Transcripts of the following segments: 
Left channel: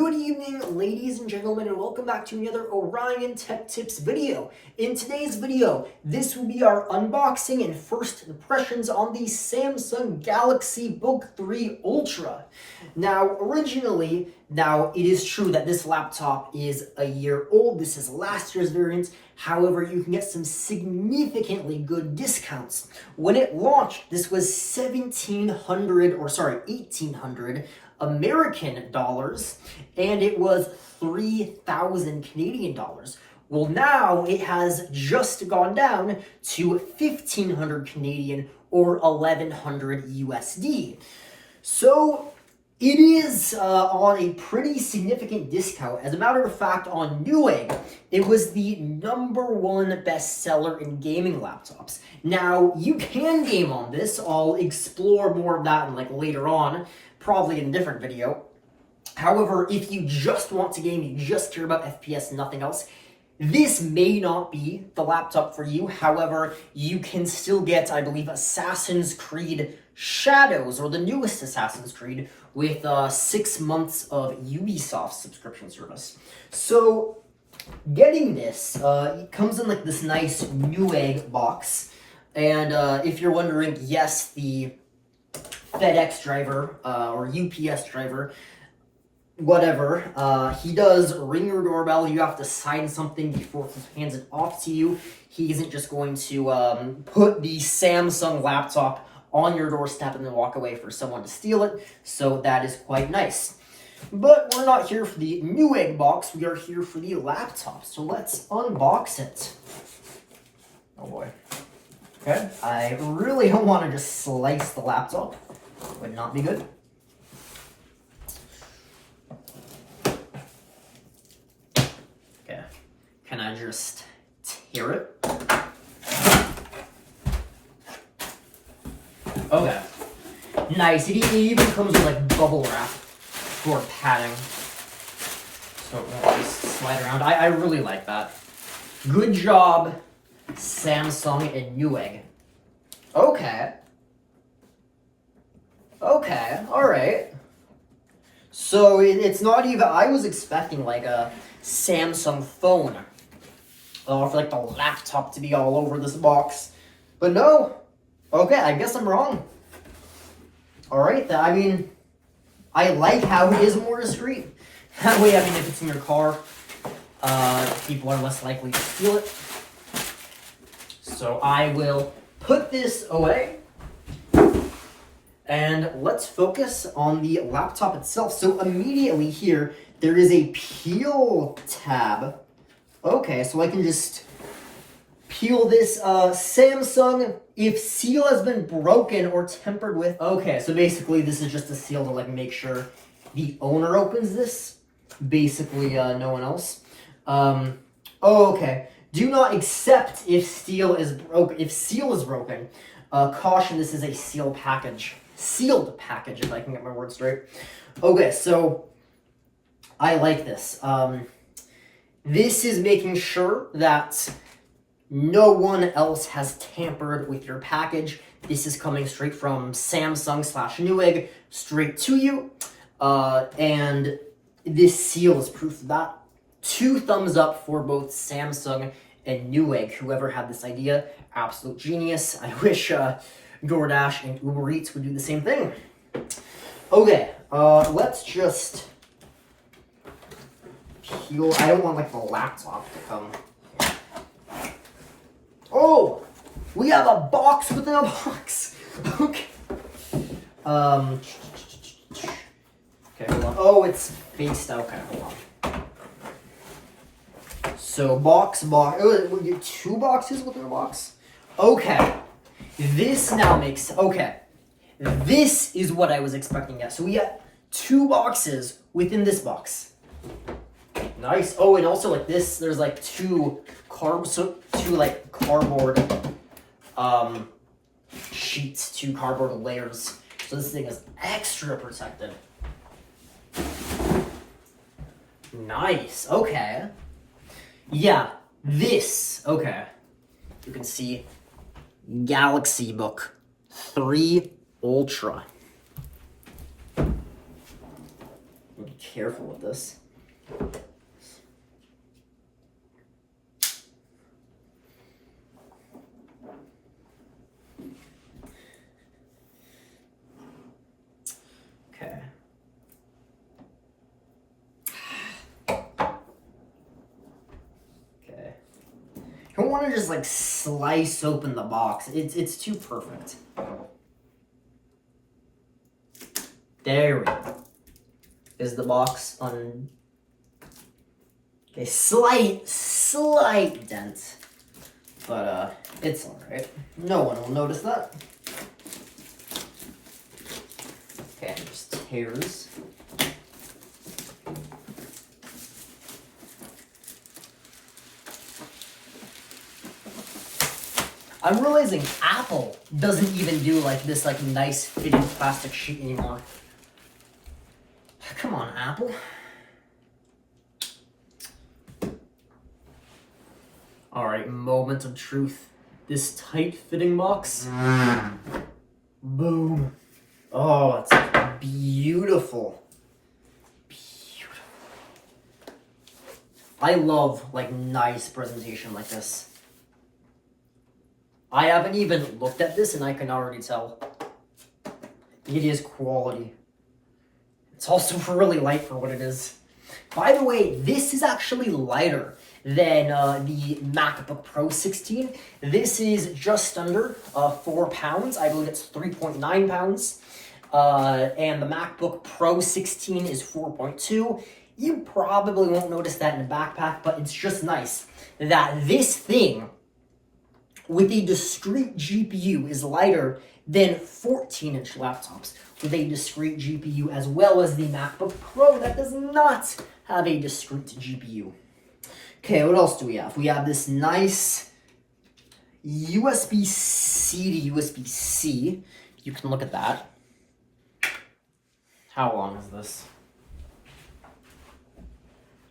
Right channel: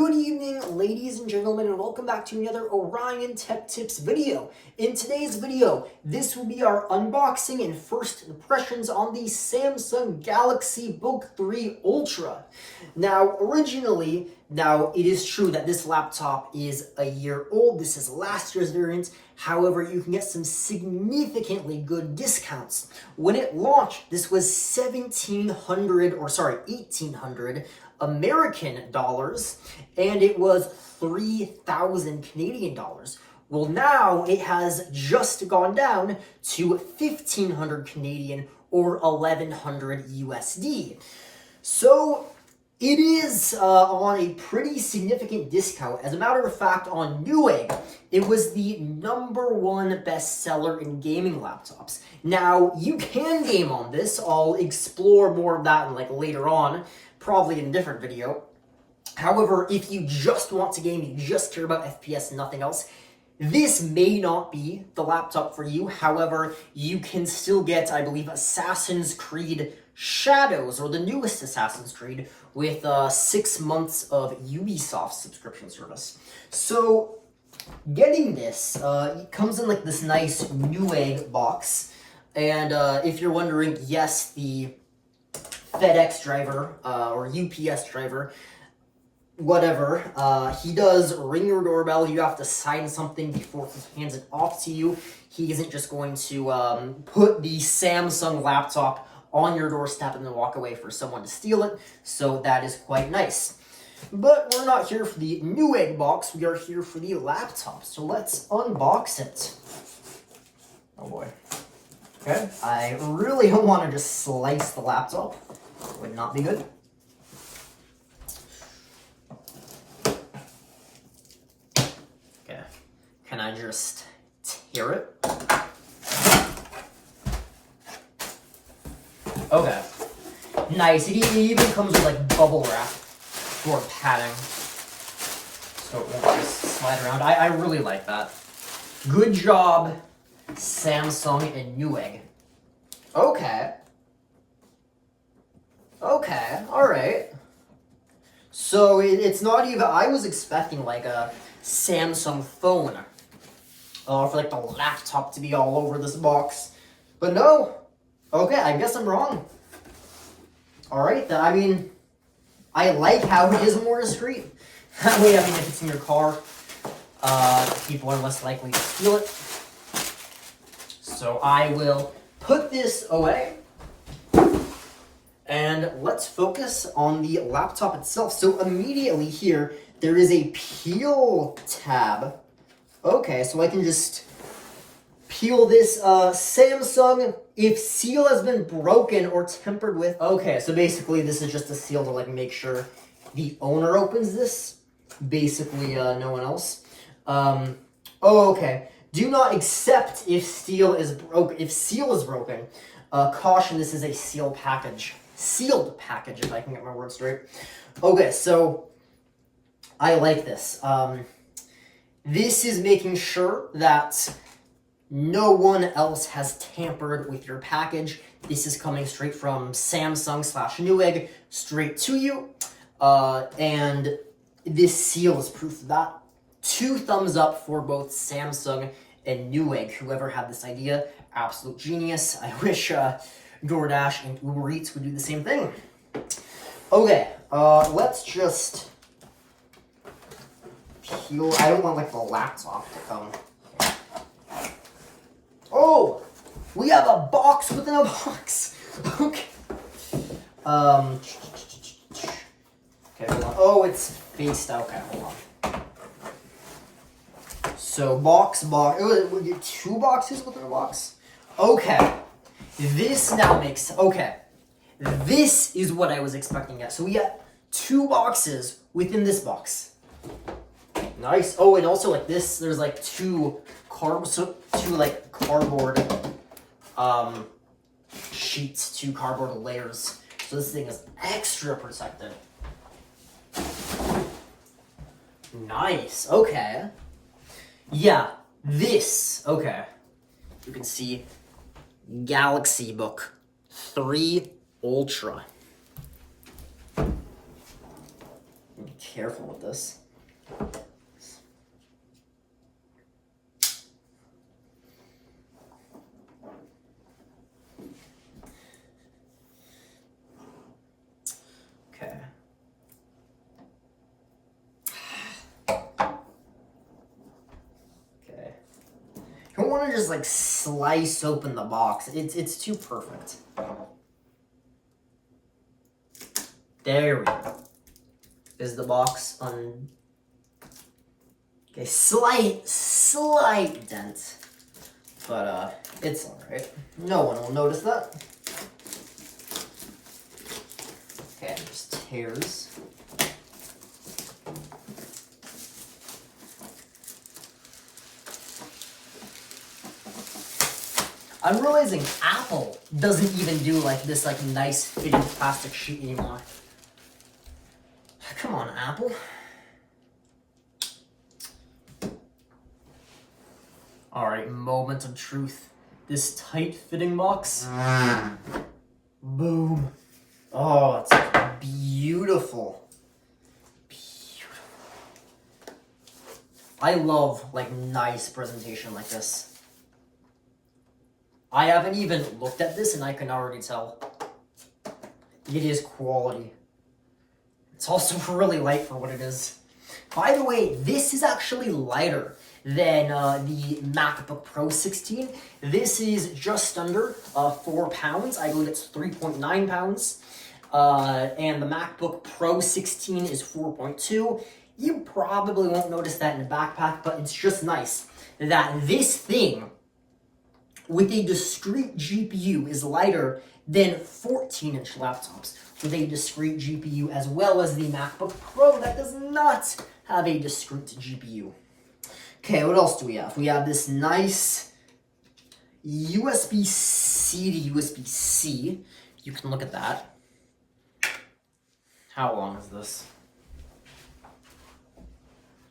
Good evening, ladies and gentlemen, and welcome back to another Orion Tech Tips video. In today's video, this will be our unboxing and first impressions on the Samsung Galaxy Book 3 Ultra. Now, it is true that this laptop is a year old. This is last year's variant. However, you can get some significantly good discounts. When it launched, this was $1,800 American dollars, and it was 3,000 Canadian dollars. Well, now it has just gone down to 1,500 Canadian or 1,100 USD. So it is on a pretty significant discount. As a matter of fact, on Newegg, it was the #1 bestseller in gaming laptops. Now, you can game on this. I'll explore more of that later on, probably in a different video. However, if you just want to game, you just care about FPS and nothing else, this may not be the laptop for you. However, you can still get, I believe, Assassin's Creed Shadows, or the newest Assassin's Creed, with 6 months of Ubisoft subscription service. So, getting this, it comes in this nice Newegg box. And if you're wondering, yes, the FedEx driver, or UPS driver, whatever, he does ring your doorbell. You have to sign something before he hands it off to you. He isn't just going to put the Samsung laptop on your doorstep and then walk away for someone to steal it, so that is quite nice. But we're not here for the Newegg box, we are here for the laptop, so let's unbox it. Oh boy. Okay, I really don't want to just slice the laptop. Would not be good. Okay, can I just tear it? Okay, nice. It even comes with bubble wrap for padding, so it won't just slide around. I really like that. Good job, Samsung and Newegg. Okay, alright. So it's not even, I was expecting a Samsung phone, or for the laptop to be all over this box, but no. Okay, I guess I'm wrong. Alright, I mean, I like how it is more discreet. That way, I mean, if it's in your car, people are less likely to steal it. So I will put this away, and let's focus on the laptop itself. So immediately here, there is a peel tab. Okay, so I can just peel this Samsung if seal has been broken or tampered with. Okay, so basically this is just a seal to make sure the owner opens this. Basically, no one else. Okay. Do not accept if seal is broken. Caution, this is a sealed package, if I can get my words straight. Okay, so I like this. This is making sure that no one else has tampered with your package. This is coming straight from Samsung/Newegg straight to you. And this seal is proof of that. 2 thumbs up for both Samsung and Newegg. Whoever had this idea, absolute genius. I wish DoorDash and Uber Eats would do the same thing. Okay, let's just peel. I don't want the laptop to come. Oh, we have a box within a box. Okay. Okay, hold on. Oh, it's faced. Okay, hold on. So box. Oh, we get 2 boxes within a box. Okay. This now makes. Okay. This is what I was expecting. So we got 2 boxes within this box. Nice. Oh, and also this, there's 2 cardboard sheets, 2 cardboard layers. So this thing is extra protected. Nice. Okay. Yeah, this. Okay. You can see Galaxy Book 3 Ultra. Be careful with this. Okay. Okay. You don't want to just like slice open the box. It's too perfect. There we go. Is the box on? Okay, slight dent, but it's all right. No one will notice that. Okay, just tears. I'm realizing Apple doesn't even do like this like nice fitted plastic sheet anymore. Come on, Apple. All right, moment of truth. This tight fitting box. Boom. Oh, it's beautiful. Beautiful. I love like nice presentation like this. I haven't even looked at this and I can already tell. It is quality. It's also really light for what it is. By the way, this is actually lighter than the MacBook Pro 16. This is just under 4 pounds. I believe it's 3.9 pounds. And the MacBook Pro 16 is 4.2. You probably won't notice that in a backpack, but it's just nice that this thing with a discrete GPU is lighter than 14-inch laptops with a discrete GPU, as well as the MacBook Pro that does not have a discrete GPU. Okay, what else do we have? We have this nice USB-C to USB-C. You can look at that. How long is this?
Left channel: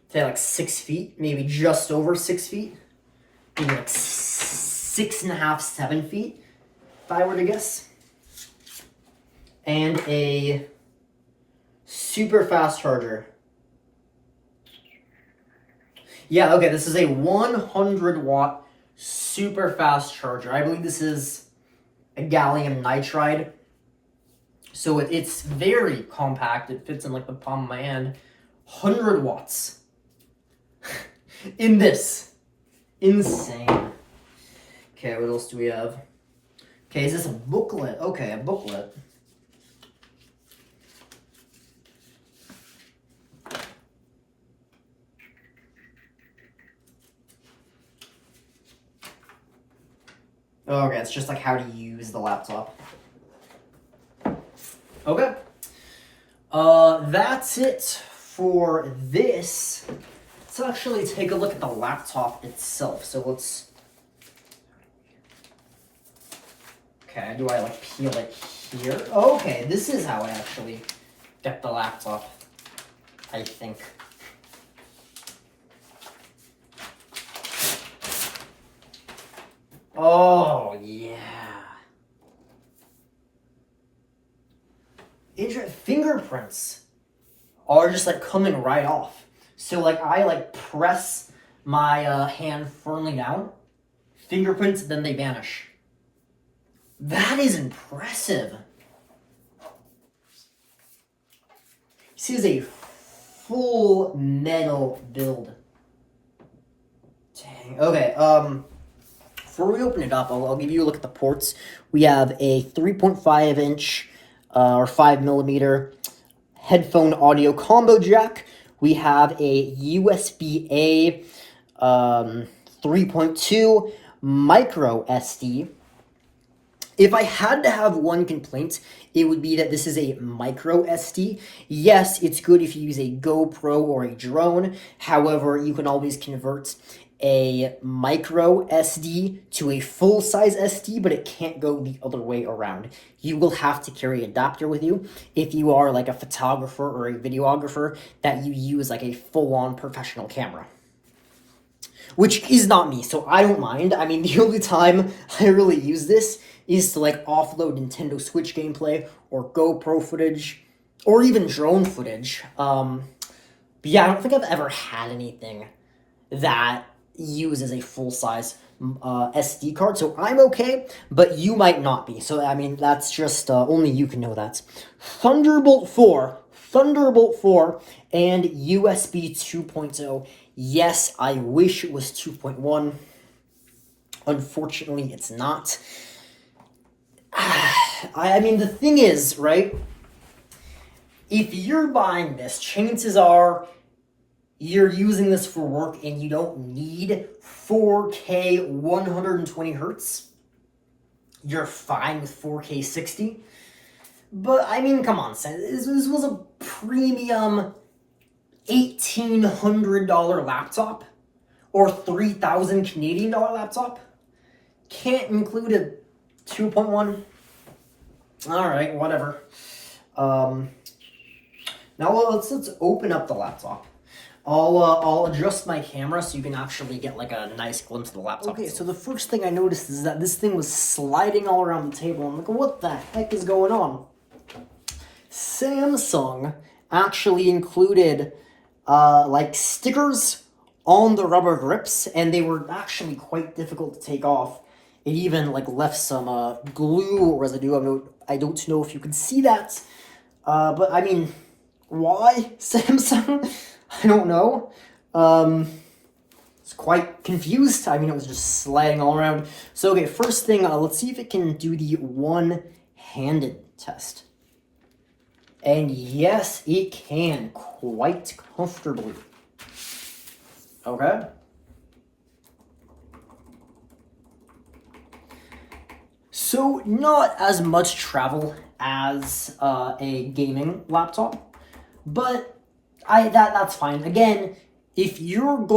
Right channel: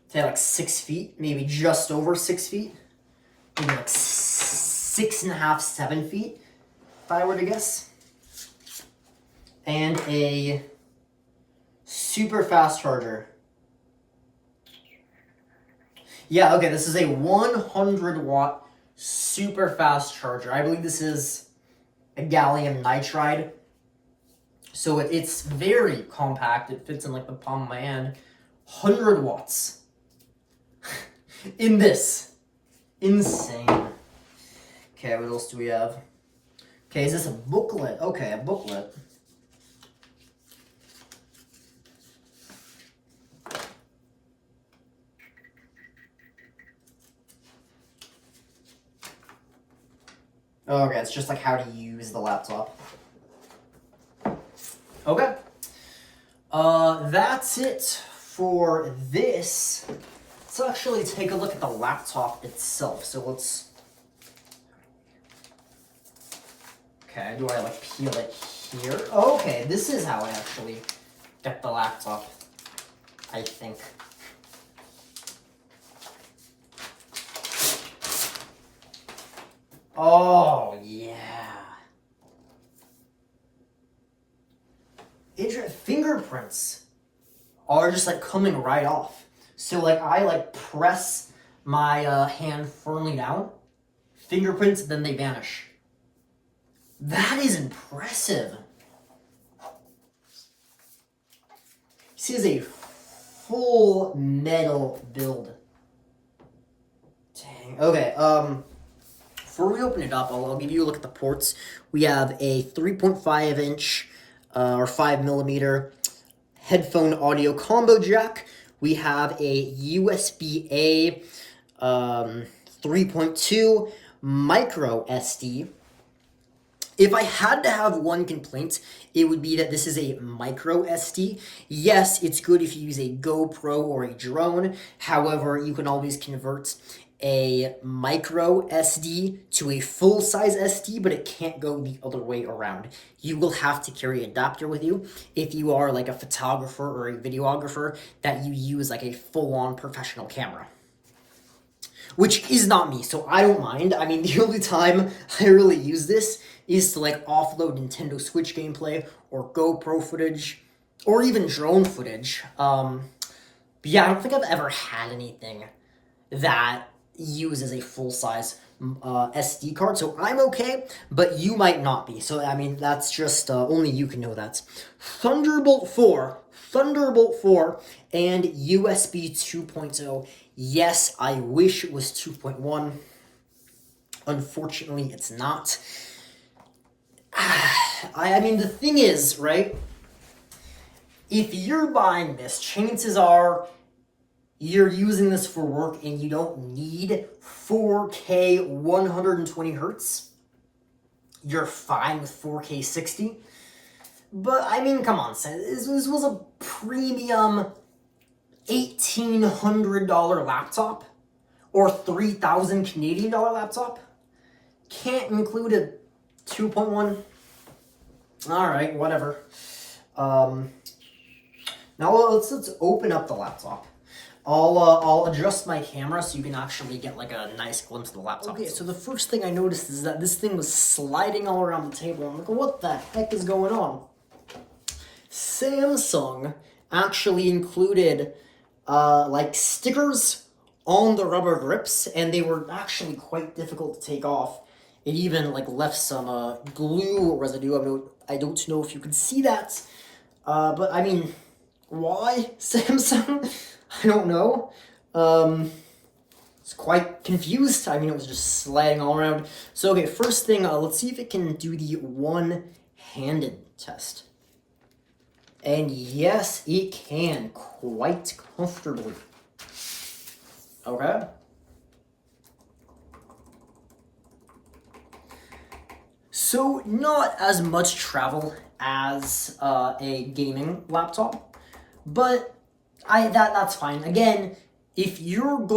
Say like 6 feet, maybe just over 6 feet. Maybe like 6.5, 7 feet, if I were to guess. And a super fast charger. Yeah, okay, this is a 100 watt super fast charger. I believe this is a gallium nitride. So it's very compact. It fits in like the palm of my hand. 100 watts. In this. Insane. Okay, what else do we have? Okay, is this a booklet? Okay, a booklet. Okay, it's just like how to use the laptop. Okay. That's it for this. Let's actually take a look at the laptop itself. So let's... Okay, do I like peel it here? Okay, this is how I actually get the laptop, I think. Oh, yeah. Fingerprints are just like coming right off. So like I like press my hand firmly down, fingerprints, then they vanish. That is impressive. This is a full metal build. Dang. Okay, before we open it up, I'll give you a look at the ports. We have a 3.5 inch or 5 millimeter headphone audio combo jack. We have a USB-A 3.2 micro SD. If I had to have one complaint, it would be that this is a micro SD. Yes, it's good if you use a GoPro or a drone. However, you can always convert a micro SD to a full-size SD, but it can't go the other way around. You will have to carry an adapter with you if you are like a photographer or a videographer that you use like a full-on professional camera. Which is not me, so I don't mind. I mean, the only time I really use this is to like offload Nintendo Switch gameplay or GoPro footage. or even drone footage. But yeah, I don't think I've ever had anything that uses a full-size SD card, so I'm okay, but you might not be. So, I mean, that's just, only you can know that. Thunderbolt 4, and USB 2.0. Yes, I wish it was 2.1. Unfortunately, it's not. I mean, the thing is, right? If you're buying this, chances are you're using this for work and you don't need 4K 120 hertz. You're fine with 4K 60. But, I mean, come on, this was a premium $1,800 laptop or 3,000 Canadian dollar laptop. Can't include a 2.1. All right, whatever. Now let's open up the laptop. I'll adjust my camera so you can actually get like a nice glimpse of the laptop. Okay, so the first thing I noticed is that this thing was sliding all around the table. I'm like, what the heck is going on? Samsung actually included like stickers on the rubber grips, and they were actually quite difficult to take off. It even like left some glue residue. I don't know if you can see that, but I mean, why Samsung? I don't know. It's quite confused. I mean, it was just sliding all around. So, okay, first thing, let's see if it can do the one-handed test. And yes, it can quite comfortably. Okay. So, not as much travel as a gaming laptop, but that's fine. Again, if you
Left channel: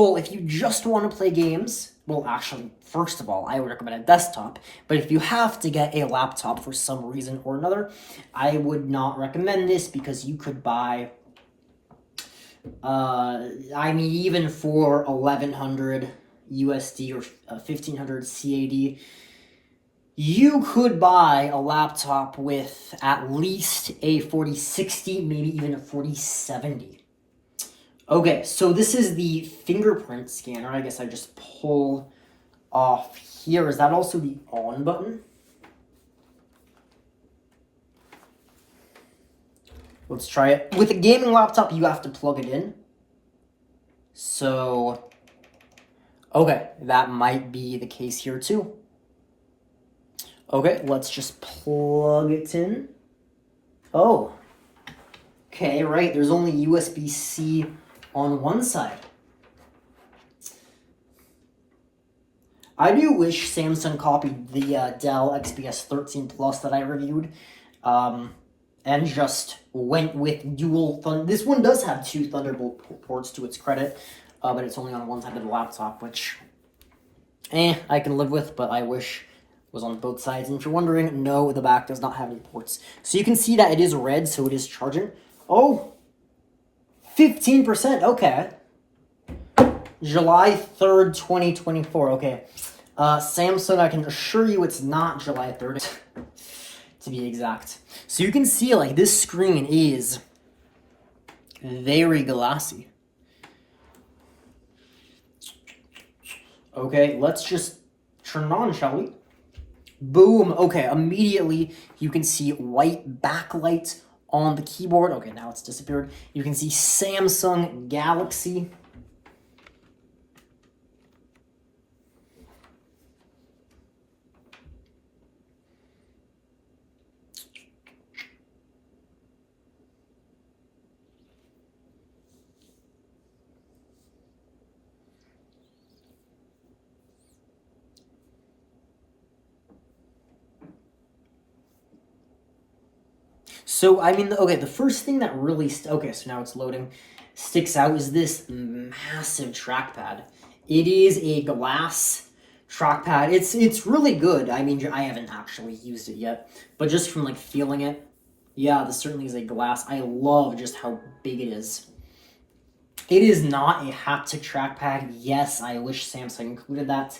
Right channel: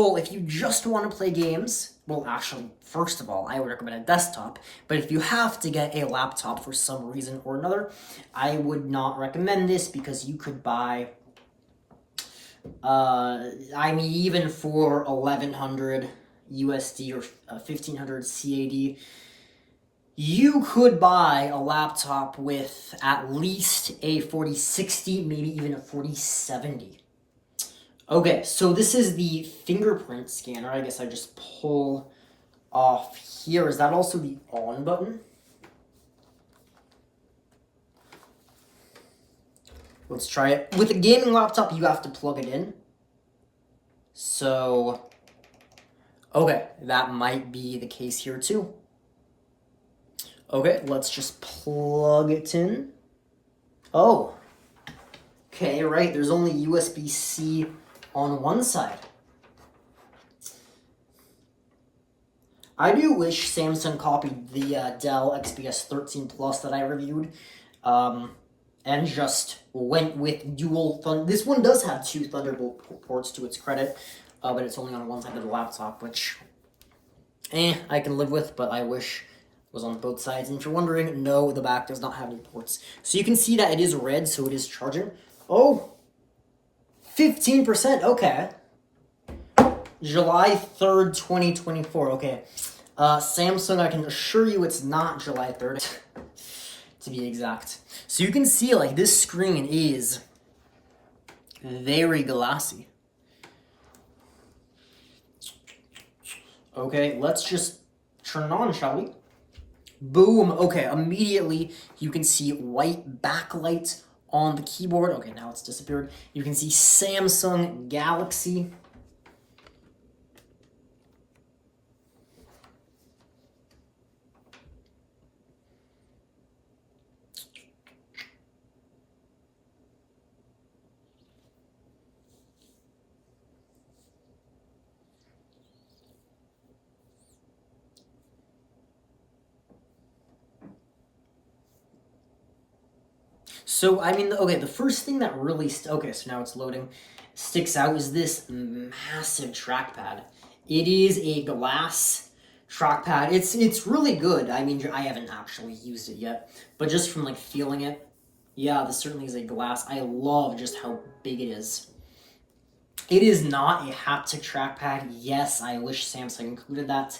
just want to play games, well, actually, first of all, I would recommend a desktop, but if you have to get a laptop for some reason or another, I would not recommend this because you could buy, I mean, even for 1,100 USD or 1,500 CAD, you could buy a laptop with at least a 4060, maybe even a 4070. Okay, so this is the fingerprint scanner. I guess I just pull off here. Is that also the on button? Let's try it. With a gaming laptop, you have to plug it in. So, okay, that might be the case here too. Okay, let's just plug it in. Oh, okay, right, there's only USB-C on one side. I do wish Samsung copied the Dell XPS 13 Plus that I reviewed, and just went with dual this one does have two Thunderbolt ports to its credit, but it's only on one side of the laptop, which, I can live with, but I wish it was on both sides. And if you're wondering, no, the back does not have any ports. So you can see that it is red, so it is charging. Oh, 15%, okay. July 3rd, 2024, okay. Samsung, I can assure you it's not July 3rd, to be exact. So you can see, like, this screen is very glassy. Okay, let's just turn it on, shall we? Boom, okay, immediately you can see white backlight on the keyboard. Okay, now it's disappeared. You can see Samsung Galaxy. So, I mean, okay, the first thing that really, okay, so now it's loading, sticks out is this massive trackpad. It is a glass trackpad. It's really good. I mean, I haven't actually used it yet, but just from, like, feeling it, yeah, this certainly is a glass. I love just how big it is. It is not a haptic trackpad. Yes, I wish Samsung included that.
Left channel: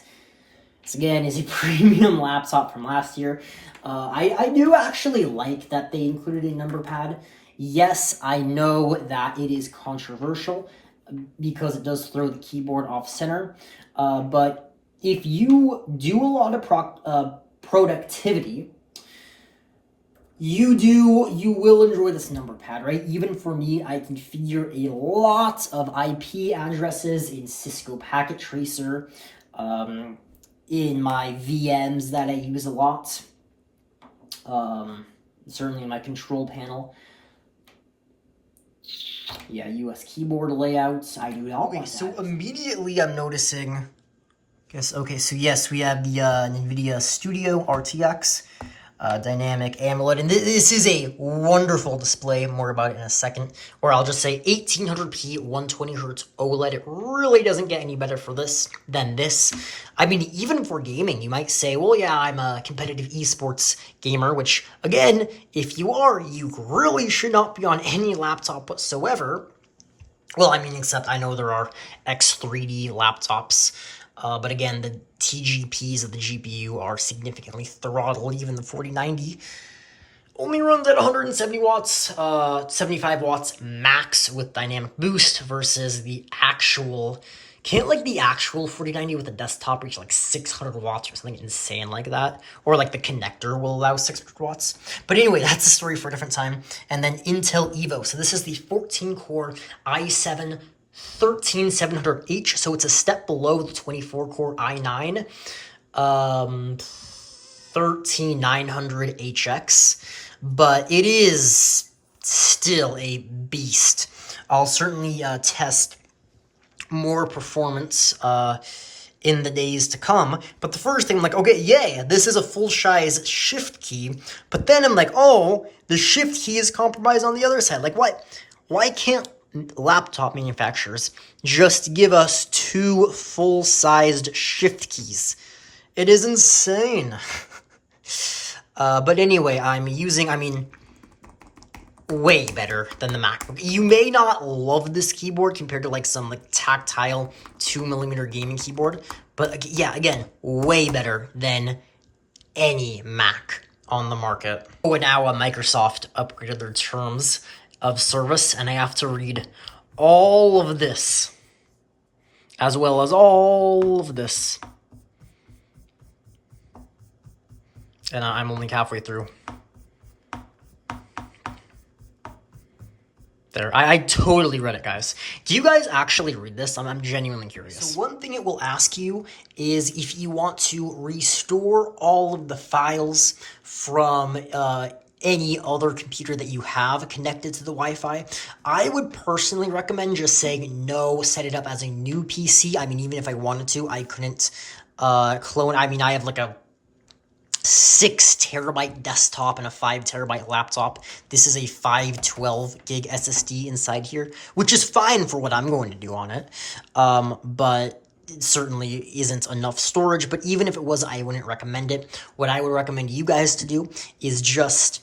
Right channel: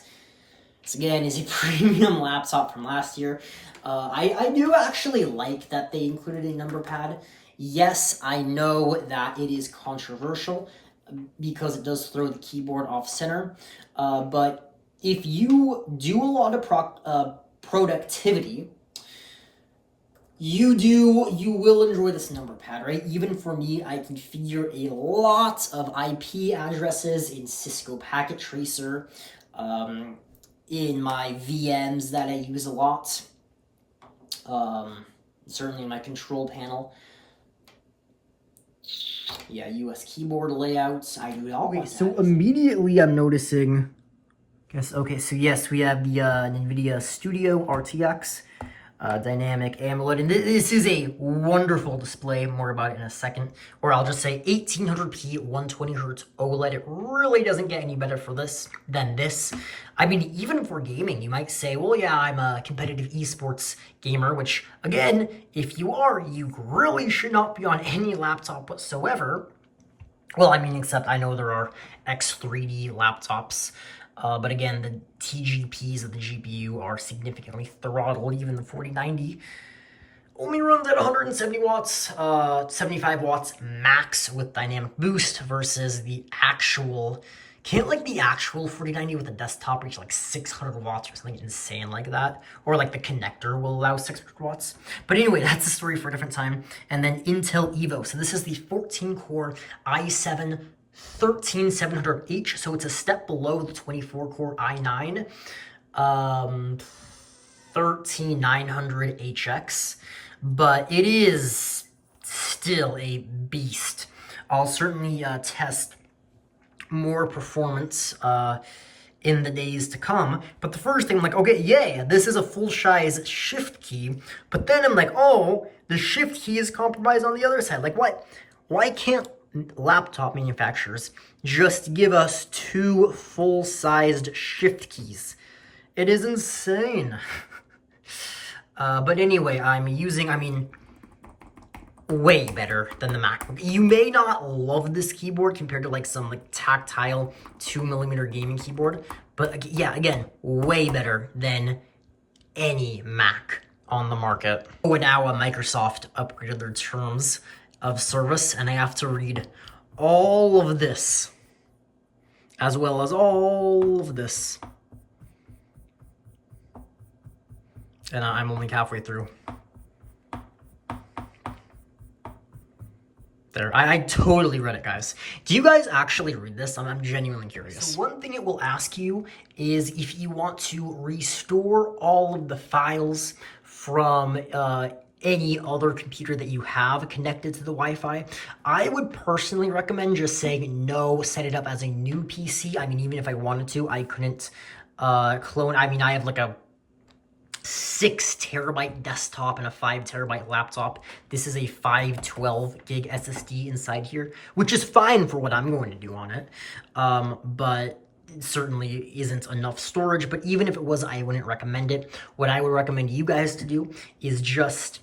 This, again, is a premium laptop from last year. I do actually like that they included a number pad. Yes, I know that it is controversial because it does throw the keyboard off center, but if you do a lot of productivity, you will enjoy this number pad, right? Even for me, I configure a lot of IP addresses in Cisco Packet Tracer, in my VMs that I use a lot, certainly in my control panel. Yeah, US keyboard layouts, I do all. Okay, so immediately I'm noticing, okay, so yes, we have the NVIDIA Studio RTX. Dynamic AMOLED, and this is a wonderful display. More about it in a second. Or I'll just say 1800p 120Hz OLED. It really doesn't get any better for this than this. I mean, even for gaming, you might say, well, yeah, I'm a competitive esports gamer, which, again, if you are, you really should not be on any laptop whatsoever. Well, I mean, except I know there are X3D laptops, but again, the TGPs of the GPU are significantly throttled. Even the 4090 only runs at 170 watts, 75 watts max with dynamic boost versus the actual, can't like the actual 4090 with a desktop reach like 600 watts or something insane like that? Or like the connector will allow 600 watts. But anyway, that's a story for a different time. And then Intel Evo. So this is the 14-core i7 13700H. So it's a step below the 24-core i9 13900HX. But it is still a beast. I'll certainly test more performance in the days to come. But the first thing, I'm like, okay, yay, this is a full-size shift key. But then I'm like, oh, the shift key is compromised on the other side. Like, what? Why can't laptop manufacturers just give us 2 full-sized shift keys? It is insane. But anyway, I'm using, way better than the MacBook. You may not love this keyboard compared to like some like tactile 2mm gaming keyboard, but yeah, again, way better than any Mac on the market. Oh, and now Microsoft upgraded their terms of service, and I have to read all of this, as well as all of this. And I'm only halfway through. There, I totally read it, guys. Do you guys actually read this? I'm genuinely curious. So one thing it will ask you is if you want to restore all of the files from any other computer that you have connected to the Wi-Fi. I would personally recommend just saying no, set it up as a new PC. I mean, even if I wanted to, I couldn't clone. I mean, I have like a 6 terabyte desktop and a 5 terabyte laptop. This is a 512 gig SSD inside here, which is fine for what I'm going to do on it. But it certainly isn't enough storage. But even if it was, I wouldn't recommend it. What I would recommend you guys to do is just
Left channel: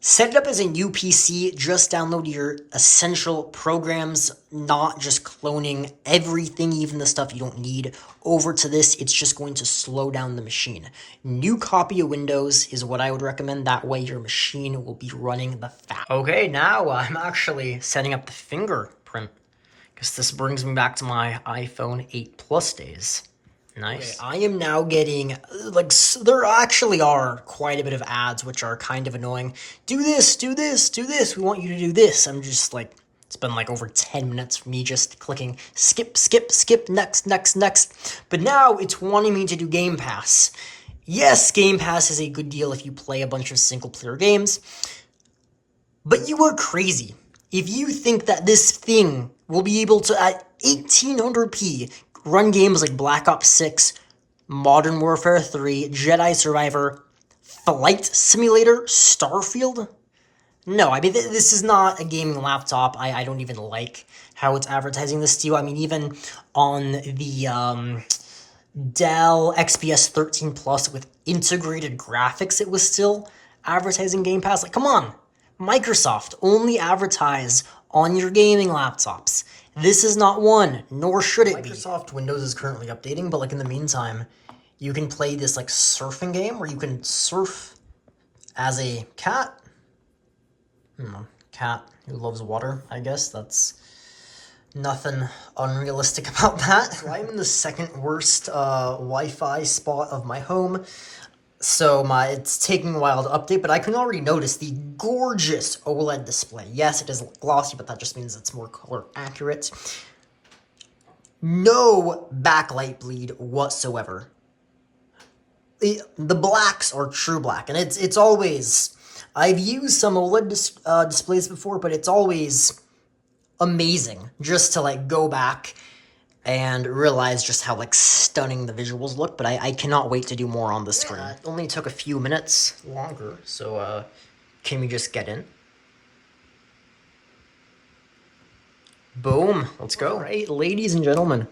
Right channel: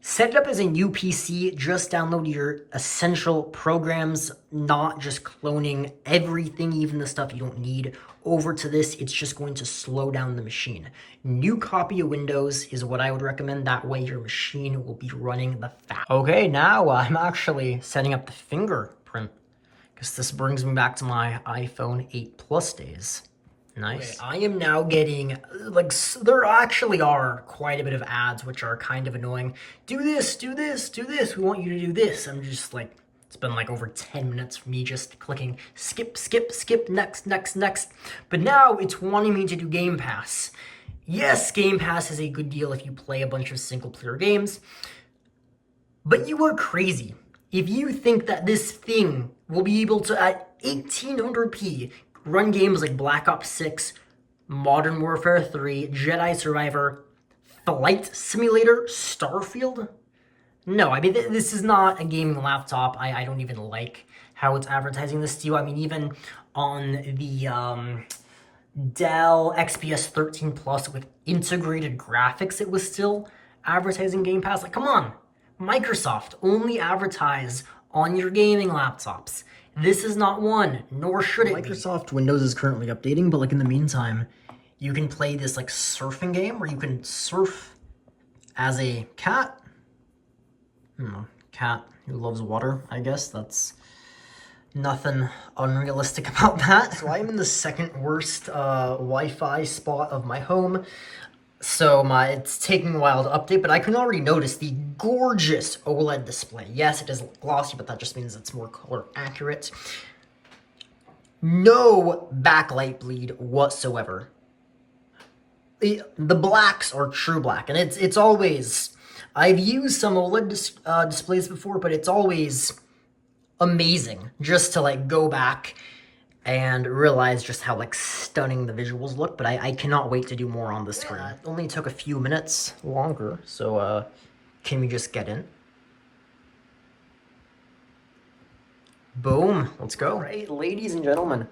set it up as a new PC, just download your essential programs, not just cloning everything, even the stuff you don't need, over to this. It's just going to slow down the machine. New copy of Windows is what I would recommend. That way your machine will be running the fast. Okay, now I'm actually setting up the fingerprint, because this brings me back to my iPhone 8 Plus days. Nice. Okay, I am now getting, like, there actually are quite a bit of ads which are kind of annoying. Do this, do this, do this. We want you to do this. I'm just like, it's been like over 10 minutes for me just clicking skip, skip, skip, next, next, next. But now it's wanting me to do Game Pass. Yes, Game Pass is a good deal if you play a bunch of single-player games. But you are crazy if you think that this thing will be able to, at 1800p, run games like Black Ops 6, Modern Warfare 3, Jedi Survivor, Flight Simulator, Starfield? No, I mean, this is not a gaming laptop. I don't even like how it's advertising this to you. I mean, even on the Dell XPS 13 Plus with integrated graphics, it was still advertising Game Pass. Like, come on. Microsoft, only advertise on your gaming laptops. This is not one, nor should it be. Microsoft Windows is currently updating, but like in the meantime, you can play this like surfing game where you can surf as a cat. Cat. who loves water, I guess. That's nothing unrealistic about that. So I'm in the second worst Wi-Fi spot of my home. So it's taking a while to update, but I can already notice the gorgeous OLED display. Yes, it is glossy, but that just means it's more color accurate. No backlight bleed whatsoever. The blacks are true black, and it's always... I've used some OLED displays before, but it's always amazing just to like go back and realize just how like stunning the visuals look. But I cannot wait to do more on the screen. It only took a few minutes longer, so can we just get in? Boom, let's go. All right, ladies and gentlemen,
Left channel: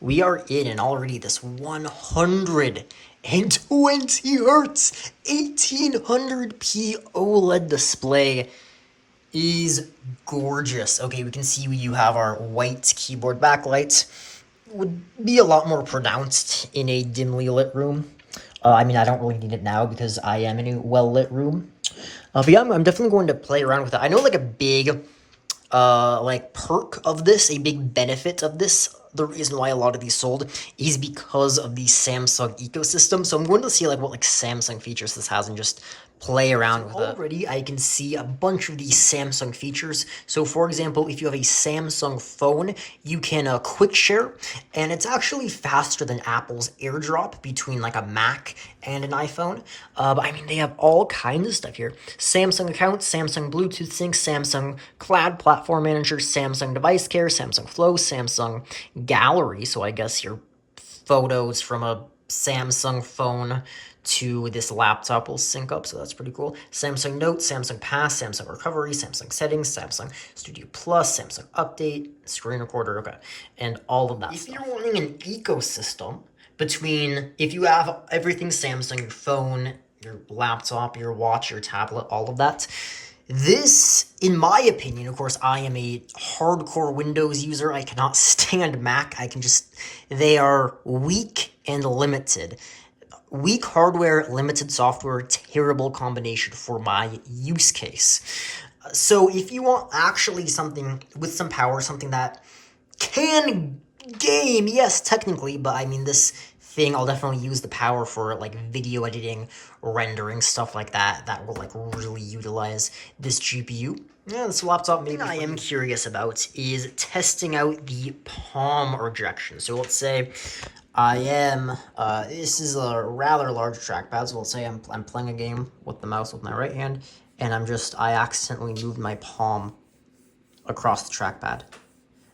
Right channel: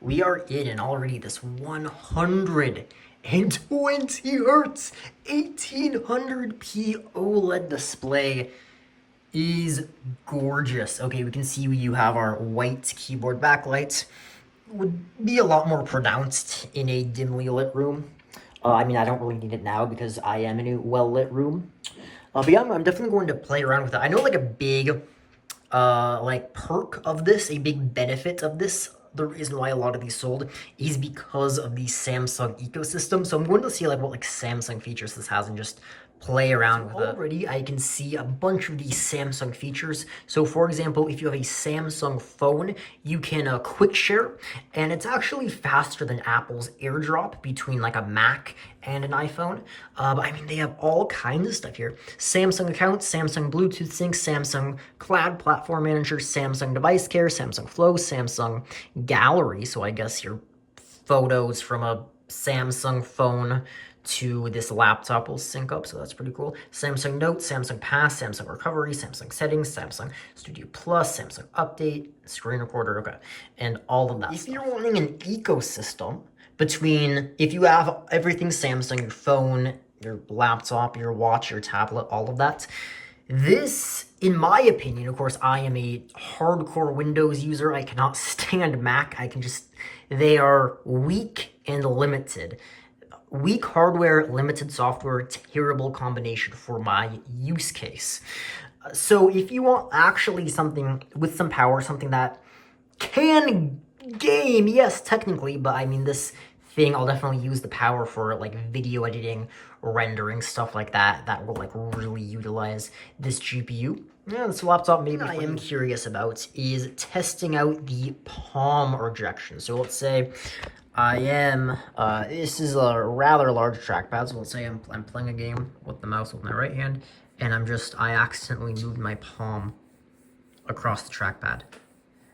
we are in, and already this 120 hertz 1800p OLED display is gorgeous. Okay, we can see you have our white keyboard backlights. Would be a lot more pronounced in a dimly lit room. I mean, I don't really need it now because I am in a well-lit room. But yeah, I'm definitely going to play around with it. I know like a big like perk of this, a big benefit of this, the reason why a lot of these sold is because of the Samsung ecosystem. So I'm going to see like what like Samsung features this has and just play around with it. Already I can see a bunch of these Samsung features. So for example, if you have a Samsung phone, you can quick share, and it's actually faster than Apple's AirDrop between like a Mac and an iPhone. But I mean, they have all kinds of stuff here. Samsung accounts, Samsung Bluetooth sync, Samsung Cloud Platform Manager, Samsung Device Care, Samsung Flow, Samsung Gallery. So I guess your photos from a Samsung phone to this laptop will sync up, so that's pretty cool. Samsung Notes, Samsung Pass, Samsung Recovery, Samsung Settings, Samsung Studio Plus, Samsung Update, Screen Recorder, okay, and all of that. If you're wanting an ecosystem between, if you have everything Samsung, your phone, your laptop, your watch, your tablet, all of that, this, in my opinion, of course, I am a hardcore Windows user. I cannot stand Mac. They are weak and limited. Weak hardware, limited software, terrible combination for my use case. So if you want actually something with some power, something that can game, yes, technically, but I mean, this thing, I'll definitely use the power for like video editing, rendering, stuff like that, that will like really utilize this GPU. Yeah, this laptop maybe. I am curious about is testing out the palm rejection. So let's say I am, this is a rather large trackpad, so let's say I'm playing a game with the mouse with my right hand, and I accidentally moved my palm across the trackpad.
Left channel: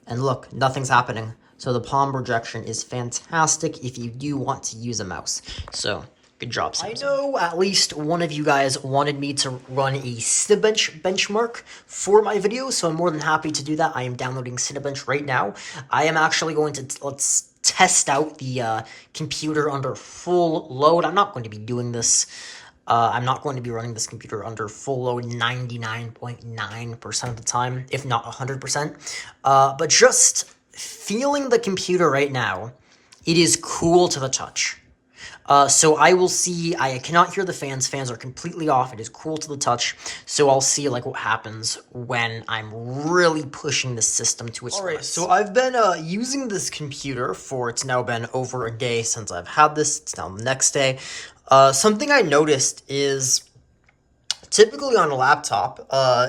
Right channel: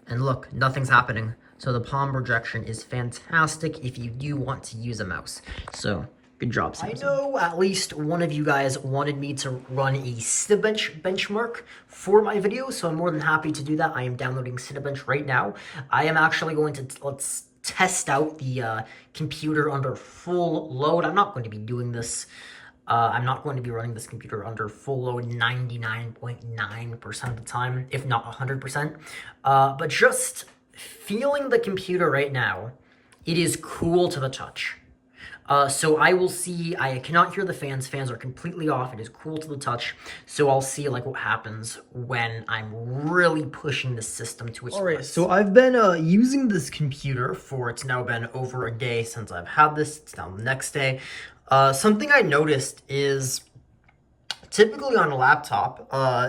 And look, nothing's happening. So the palm rejection is fantastic if you do want to use a mouse. So, good job, Samsung. I know at least one of you guys wanted me to run a Cinebench benchmark for my video, so I'm more than happy to do that. I am downloading Cinebench right now. I am actually going to, let's test out the computer under full load. I'm not going to be doing this. I'm not going to be running this computer under full load 99.9% of the time, if not 100%. But just feeling the computer right now, it is cool to the touch. So I will see, I cannot hear the fans. Fans are completely off. It is cool to the touch. So I'll see like what happens when I'm really pushing the system to its limits. All right, so I've been using this computer for, it's now been over a day since I've had this. It's now the next day. Something I noticed is typically on a laptop,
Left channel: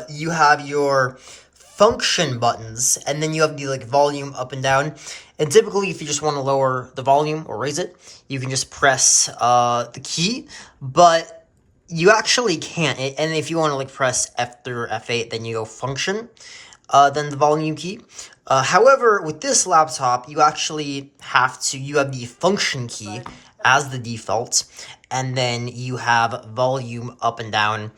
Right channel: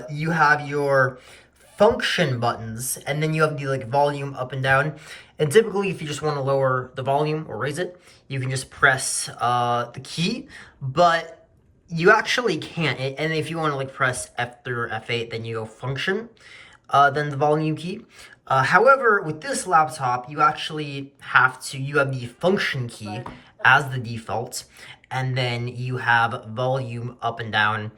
you have your function buttons, and then you have the like volume up and down. And typically, if you just want to lower the volume or raise it, you can just press the key, but you actually can't. And if you want to like press F3 or F8, then you go function, then the volume key. However, with this laptop, you actually have to, you have the function key as the default, and then you have volume up and down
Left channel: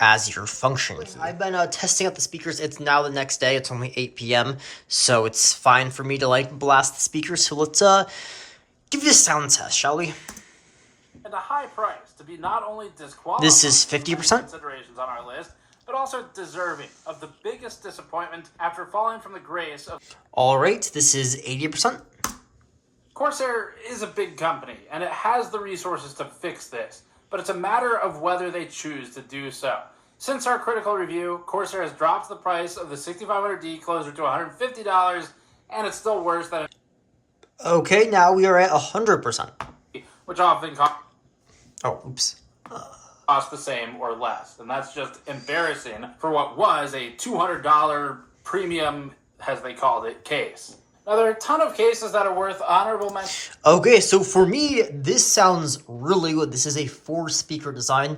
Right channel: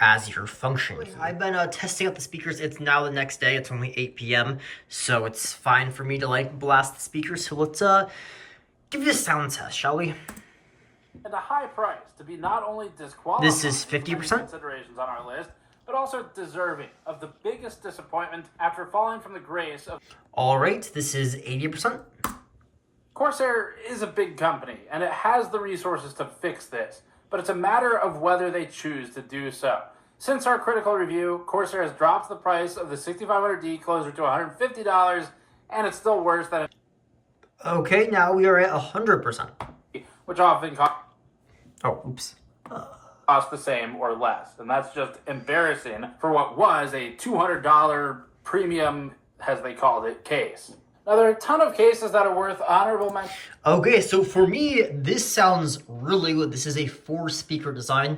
as your function. I've been testing out the speakers. It's now the next day. It's only 8 p.m. So it's fine for me to like blast the speakers. So let's give this a sound test, shall we? At a high price to be not only disqualified. This is 50%. Considerations on our list, but also deserving of the biggest disappointment after falling from the grace of. All right, this is 80%. Corsair is a big company, and it has the resources to fix this, but it's a matter of whether they choose to do so. Since our critical review, Corsair has dropped the price of the 6500D closer to $150, and it's still worse than Okay, now we are at 100%. which often Oh, oops. cost the same or less. And that's just embarrassing for what was a $200 premium, as they called it, case. Now, there are a ton of cases that are worth honorable mention. Okay, so for me, this sounds really good. This is a 4-speaker design.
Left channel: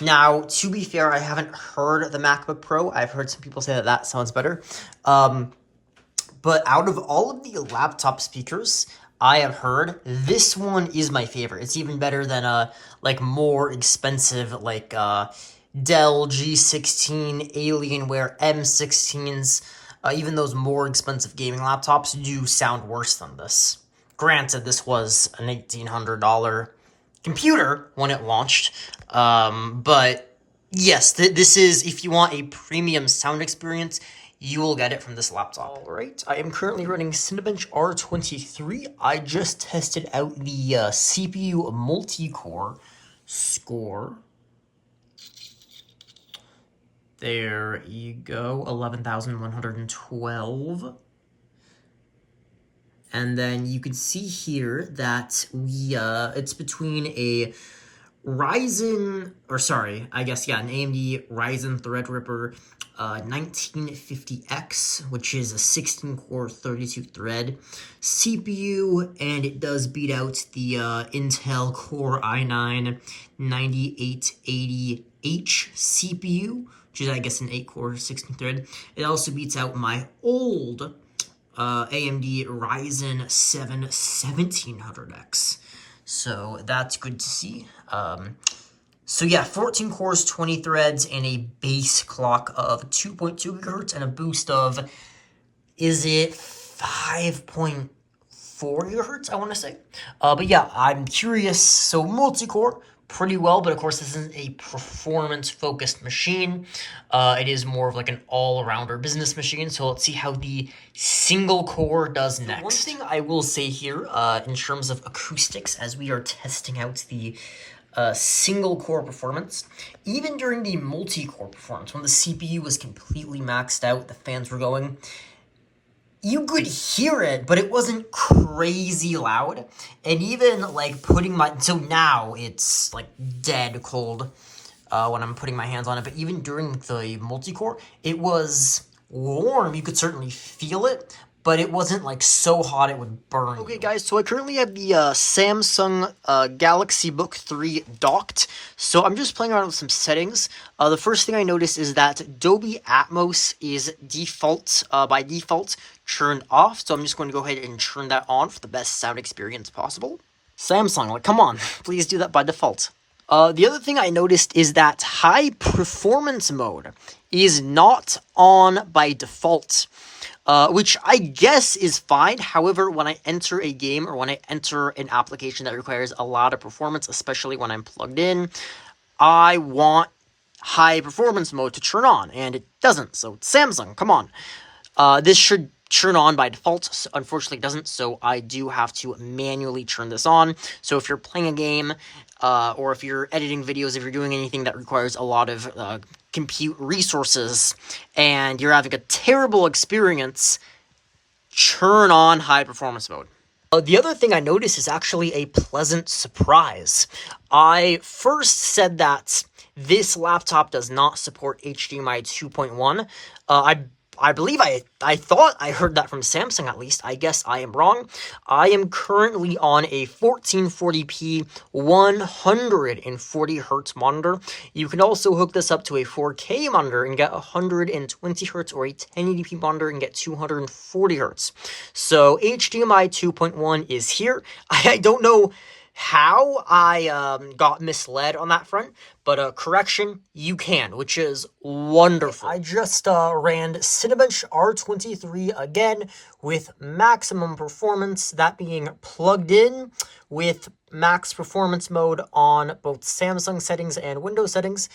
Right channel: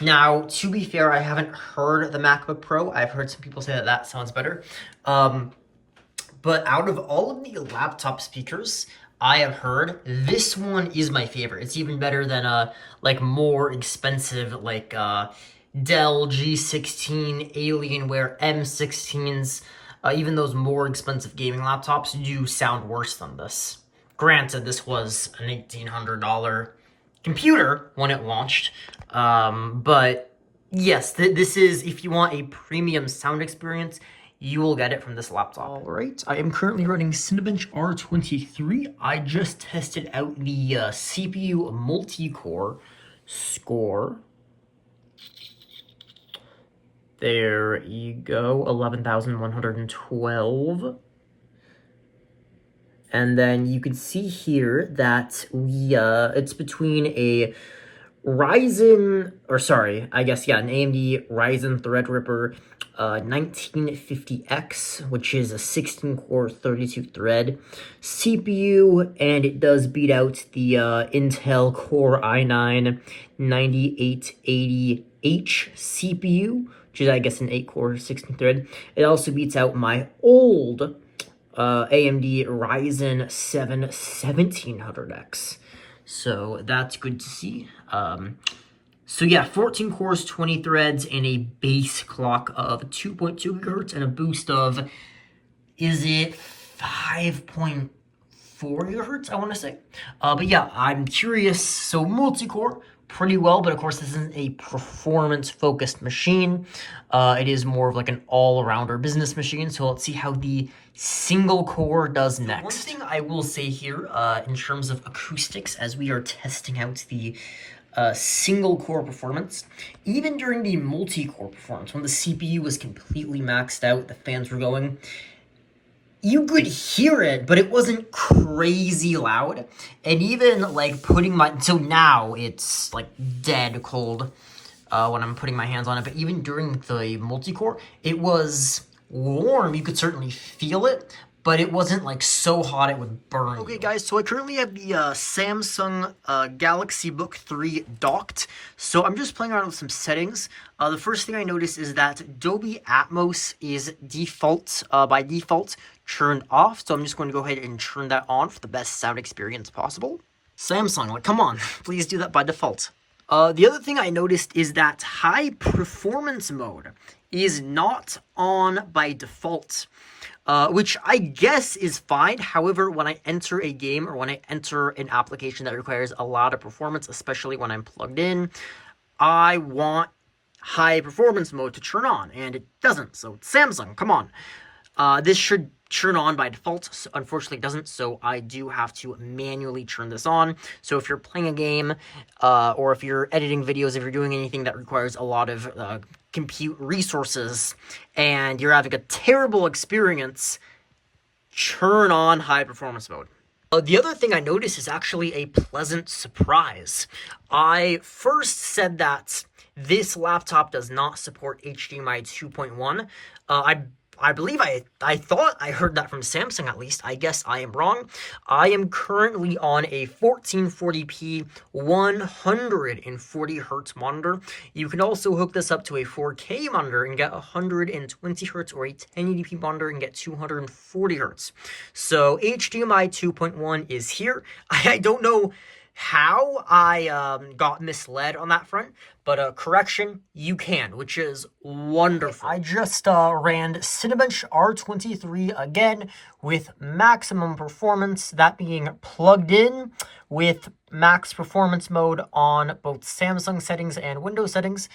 Now, to be fair, I haven't heard the MacBook Pro. I've heard some people say that that sounds better. But out of all of the laptop speakers I have heard, this one is my favorite. It's even better than like more expensive like Dell G16, Alienware M16s. Even those more expensive gaming laptops do sound worse than this. Granted, this was an $1,800 computer when it launched, but yes, this is, if you want a premium sound experience, you will get it from this laptop. All right, I am currently running Cinebench R23. I just tested out the CPU multi-core score. There you go, 11,112. And then you can see here that we, it's between a Ryzen, or sorry, I guess, yeah, an AMD Ryzen Threadripper 1950X, which is a 16-core, 32-thread CPU, and it does beat out the Intel Core i9 9880H CPU, which is, I guess, an 8-core, 16-thread. It also beats out my old AMD Ryzen 7 1700X. So that's good to see. So yeah, 14 cores, 20 threads, and a base clock of 2.2 gigahertz and a boost of, is it 5.4 gigahertz, I want to say. But yeah, I'm curious. So multi-core, pretty well, but of course this isn't a performance-focused machine. It is more of like an all-arounder business machine, so let's see how the single core does next. One thing I will say here, in terms of acoustics, as we are testing out the single core performance, even during the multi-core performance, when the CPU was completely maxed out, the fans were going, you could hear it, but it wasn't crazy loud. And even like putting my, so now it's like dead cold when I'm putting my hands on it, but even during the multi-core, it was warm. You could certainly feel it, but it wasn't like so hot it would burn. Okay, guys, so I currently have the Samsung Galaxy Book 3 docked, so I'm just playing around with some settings. The first thing I noticed is that Dolby Atmos is by default turned off, so I'm just going to go ahead and turn that on for the best sound experience possible. Samsung, like, come on, please do that by default. The other thing I noticed is that high performance mode is not on by default. Which I guess is fine. However, when I enter a game or when I enter an application that requires a lot of performance, especially when I'm plugged in, I want high performance mode to turn on, and it doesn't. So Samsung, come on. This should turn on by default. Unfortunately, it doesn't, so I do have to manually turn this on. So if you're playing a game, or if you're editing videos, if you're doing anything that requires a lot of compute resources, and you're having a terrible experience, turn on high performance mode. The other thing I noticed is actually a pleasant surprise. I first said that this laptop does not support HDMI 2.1. I believe I thought I heard that from Samsung at least. I guess I am wrong. I am currently on a 1440p 140 hertz monitor. You can also hook this up to a 4K monitor and get 120 hertz, or a 1080p monitor and get 240 hertz. So HDMI 2.1 is here. I don't know how I got misled on that front, but correction, you can, which is wonderful. I just ran Cinebench R23 again with maximum performance, that being plugged in with max performance mode on both Samsung settings and Windows settings.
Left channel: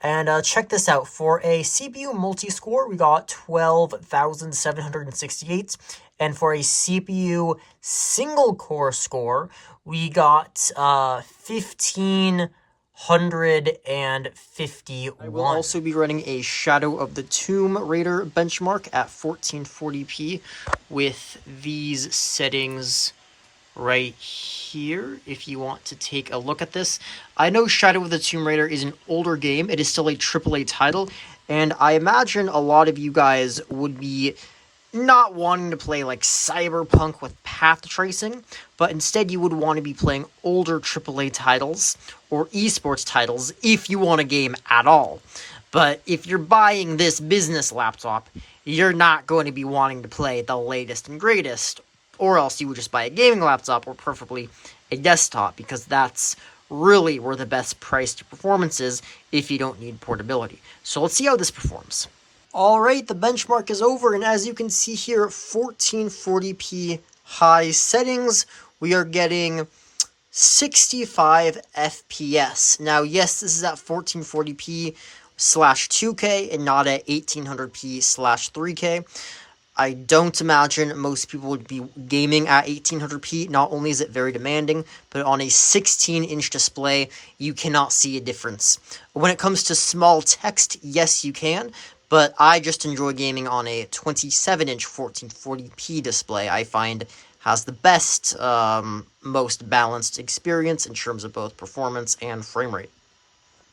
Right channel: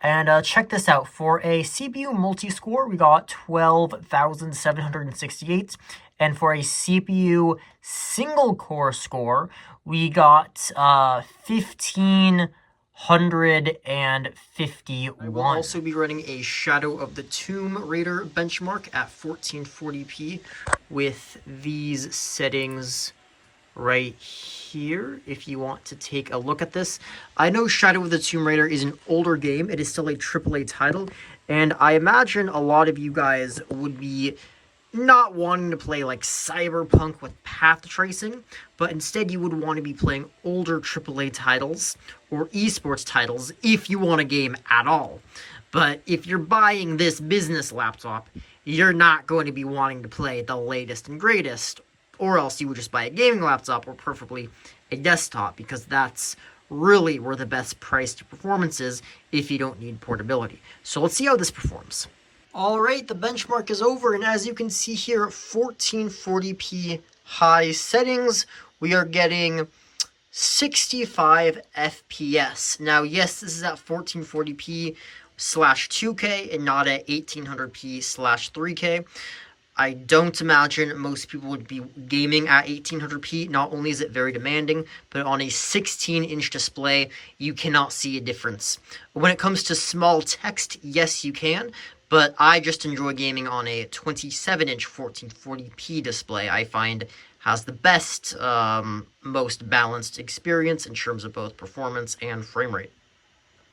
And check this out. For a CPU multi-score, we got 12,768. And for a CPU single-core score, we got 1,500 151. I will also be running a Shadow of the Tomb Raider benchmark at 1440p with these settings right here, if you want to take a look at this. I know Shadow of the Tomb Raider is an older game. It is still a AAA title, and I imagine a lot of you guys would be not wanting to play like Cyberpunk with path tracing, but instead you would want to be playing older AAA titles or esports titles if you want a game at all. But if you're buying this business laptop, you're not going to be wanting to play the latest and greatest, or else you would just buy a gaming laptop or preferably a desktop, because that's really where the best price to performance is if you don't need portability. So let's see how this performs. All right, the benchmark is over, and as you can see here, 1440p high settings, we are getting 65 FPS. Now, yes, this is at 1440p slash 2K and not at 1800p slash 3K. I don't imagine most people would be gaming at 1800p. Not only is it very demanding, but on a 16-inch display, you cannot see a difference. When it comes to small text, yes, you can, but I just enjoy gaming on a 27-inch 1440p display. I find has the best, most balanced experience in terms of both performance and frame rate.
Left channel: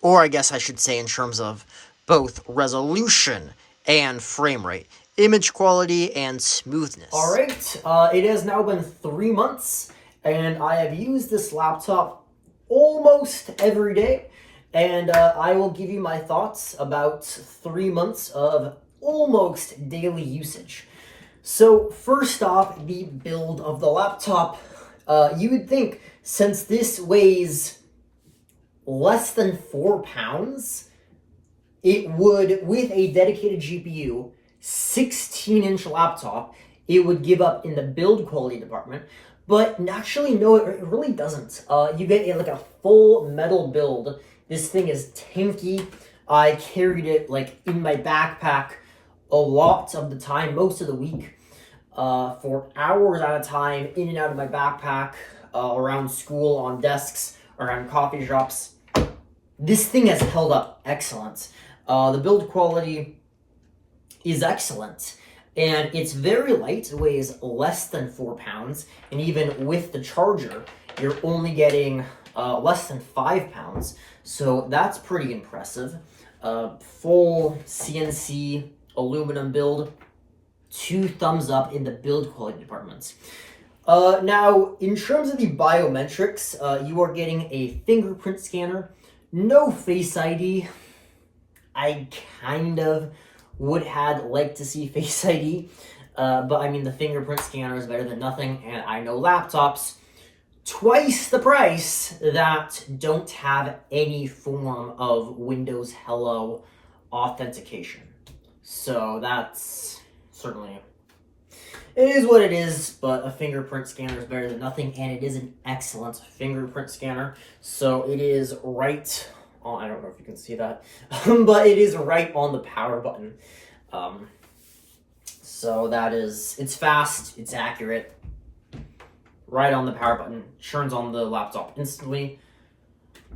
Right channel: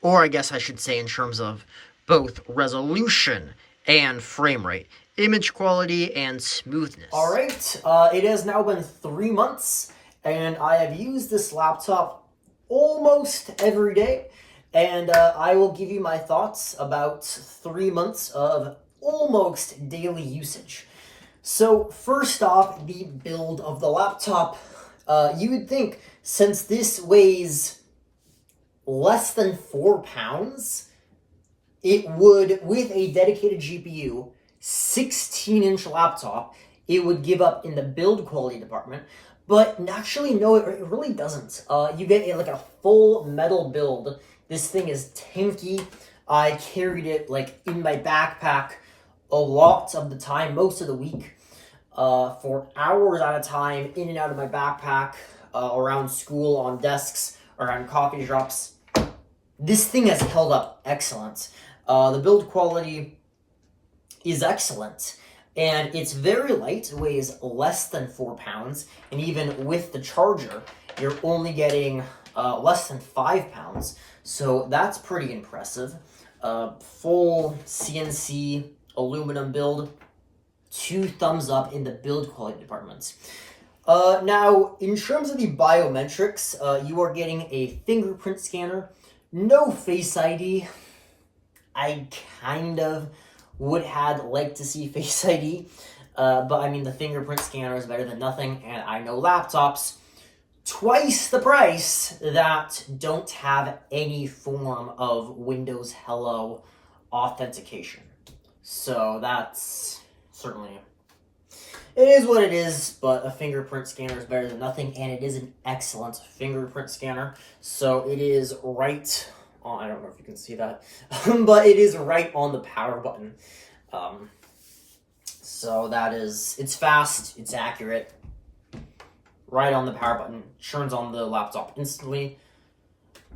Or I guess I should say in terms of both resolution and frame rate, image quality, and smoothness. All right, it has now been 3 months, and I have used this laptop almost every day. And I will give you my thoughts about 3 months of almost daily usage. So first off, the build of the laptop. You would think, since this weighs less than 4 pounds, it would, with a dedicated GPU, 16-inch laptop, it would give up in the build quality department. But actually, no, it really doesn't. You get like a full metal build. This thing is tanky. I carried it like in my backpack a lot of the time, most of the week, for hours at a time, in and out of my backpack, around school, on desks, around coffee shops. This thing has held up excellent. The build quality is excellent, and it's very light. It weighs less than 4 pounds, and even with the charger, you're only getting less than 5 pounds. So that's pretty impressive. Full CNC aluminum build. 2 thumbs up in the build quality departments. Now, in terms of the biometrics, you are getting a fingerprint scanner. No Face ID. I kind of would have liked to see Face ID. But I mean, the fingerprint scanner is better than nothing. And I know laptops twice the price that don't have any form of Windows Hello authentication. So that's certainly, it is what it is, but a fingerprint scanner is better than nothing, and it is an excellent fingerprint scanner. So it is right on, I don't know if you can see that, but it is right on the power button. So that is, it's fast, it's accurate. Right on the power button, turns on the laptop instantly.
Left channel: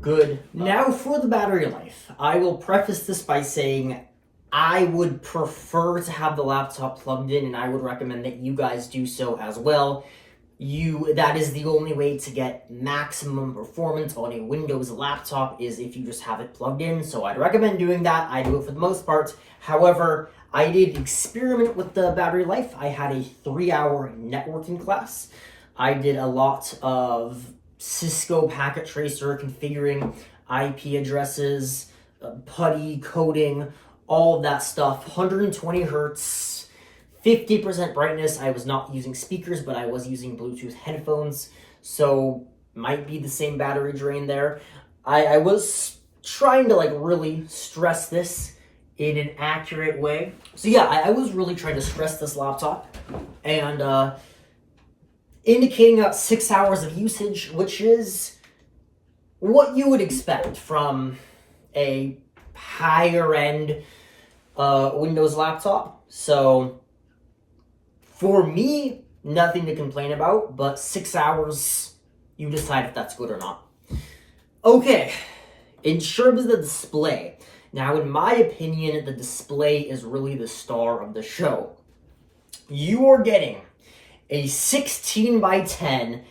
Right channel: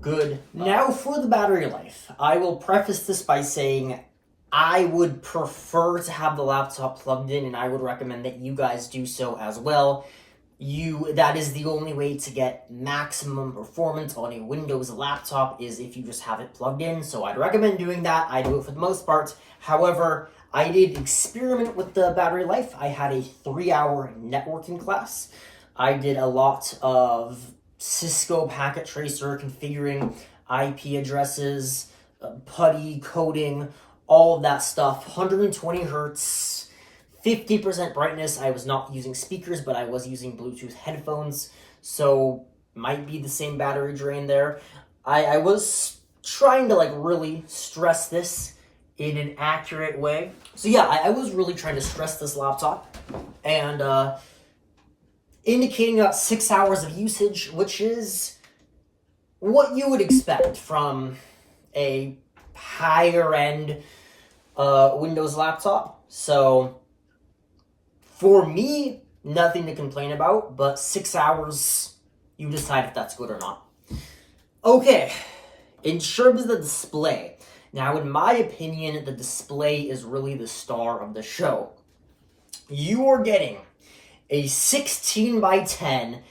Good. Now for the battery life. I will preface this by saying I would prefer to have the laptop plugged in, and I would recommend that you guys do so as well. That is the only way to get maximum performance on a Windows laptop, is if you just have it plugged in. So I'd recommend doing that. I do it for the most part. However, I did experiment with the battery life. I had a 3-hour networking class. I did a lot of Cisco packet tracer, configuring IP addresses, PuTTY coding, all of that stuff. 120 hertz, 50% brightness. I was not using speakers, but I was using Bluetooth headphones, so might be the same battery drain there. I was trying to like really stress this in an accurate way. So yeah, I was really trying to stress this laptop, and indicating about 6 hours of usage, which is what you would expect from a higher end Windows laptop. So for me, nothing to complain about, but 6 hours, you decide if that's good or not. Okay, In terms of the display, now in my opinion, the display is really the star of the show. You are getting a 16 by 10,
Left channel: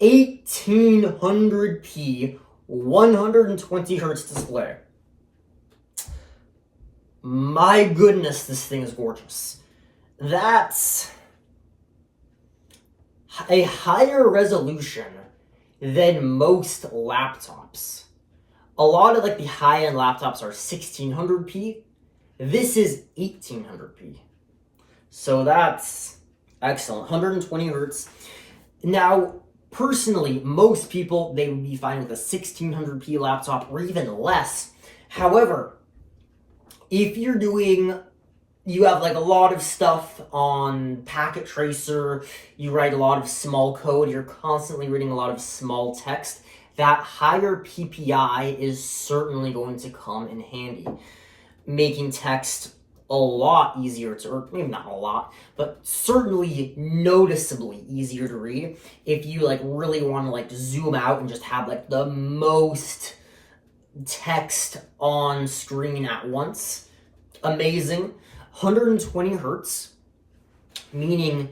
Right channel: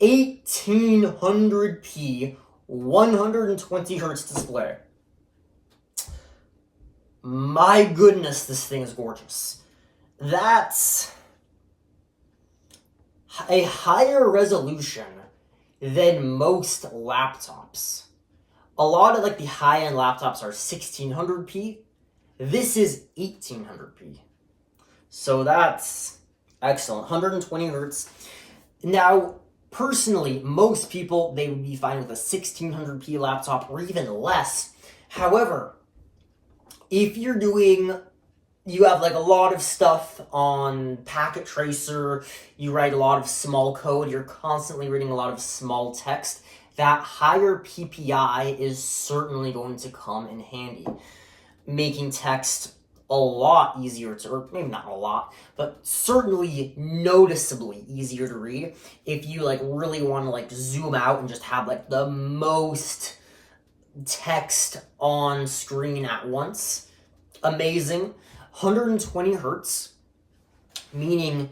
1800p, 120 hertz display. My goodness, this thing is gorgeous. That's a higher resolution than most laptops. A lot of like the high-end laptops are 1600p. This is 1800p. So that's excellent. 120 hertz. Now, personally, most people, they would be fine with a 1600p laptop or even less. However, if you're doing, you have like a lot of stuff on packet tracer, you write a lot of small code, you're constantly reading a lot of small text, that higher PPI is certainly going to come in handy, making text a lot easier to, or maybe not a lot, but certainly noticeably easier to read if you like really want to like zoom out and just have like the most text on screen at once. Amazing. 120 hertz, meaning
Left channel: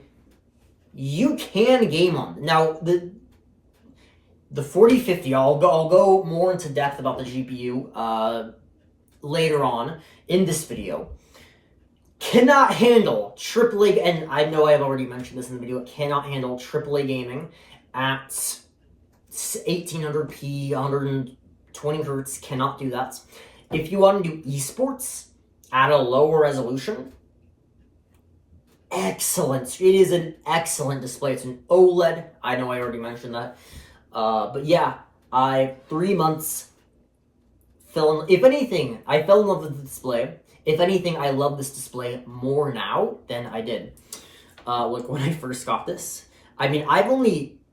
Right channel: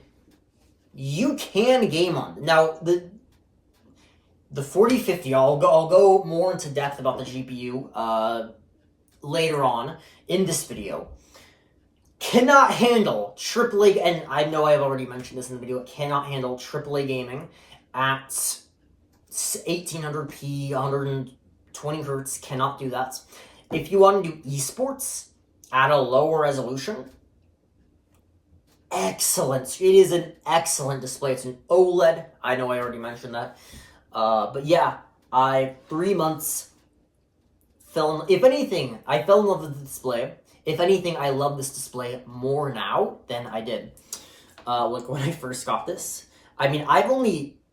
you can game on. Now, the 4050, I'll go more into depth about the GPU later on in this video. Cannot handle AAA, and I know I have already mentioned this in the video, it cannot handle AAA gaming at 1800p, 120 hertz, cannot do that. If you want to do esports at a lower resolution, excellent. It is an excellent display. It's an OLED. I know I already mentioned that. But yeah, 3 months, if anything, I fell in love with the display. If anything, I love this display more now than I did like when I first got this. I mean,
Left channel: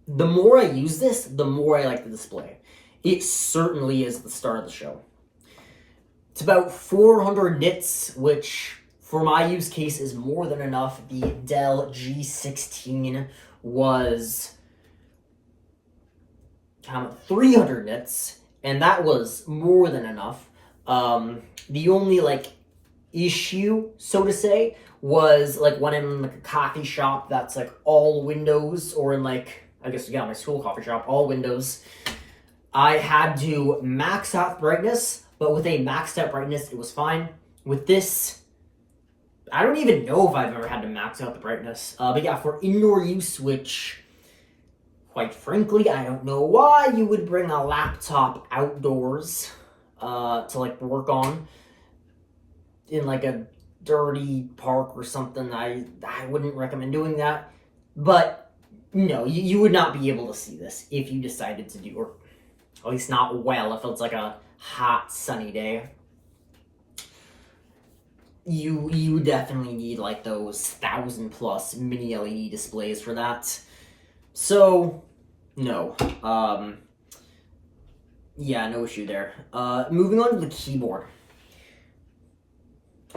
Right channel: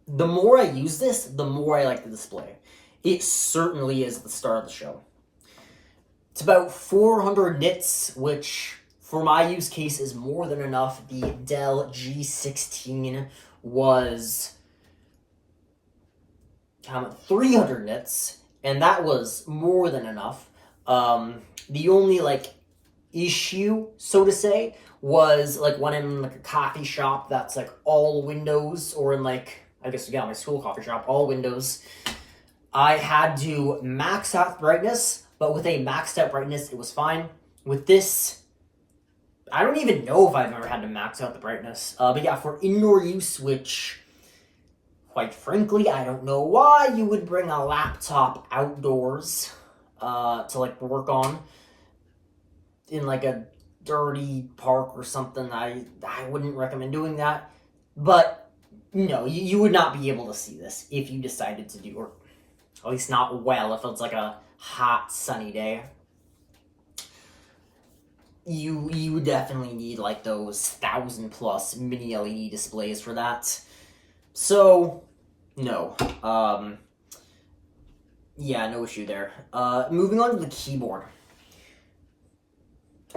the more I use this, the more I like the display. It certainly is the star of the show. It's about 400 nits, which for my use case is more than enough. The Dell G16 was 300 nits, and that was more than enough. The only like issue, so to say, was like when I'm in like a coffee shop that's like all windows, or in like, I guess, yeah, my school coffee shop, all windows, I had to max out brightness, but with a maxed out brightness, it was fine. With this, I don't even know if I've ever had to max out the brightness. But yeah, for indoor use, which, quite frankly, I don't know why you would bring a laptop outdoors to like work on in like a dirty park or something. I wouldn't recommend doing that. But no, you would not be able to see this if you decided to do, or at least not well, if it's like a hot sunny day. You would definitely need like those 1,000+ mini LED displays for that. So no, yeah, no issue there. Moving on to the keyboard.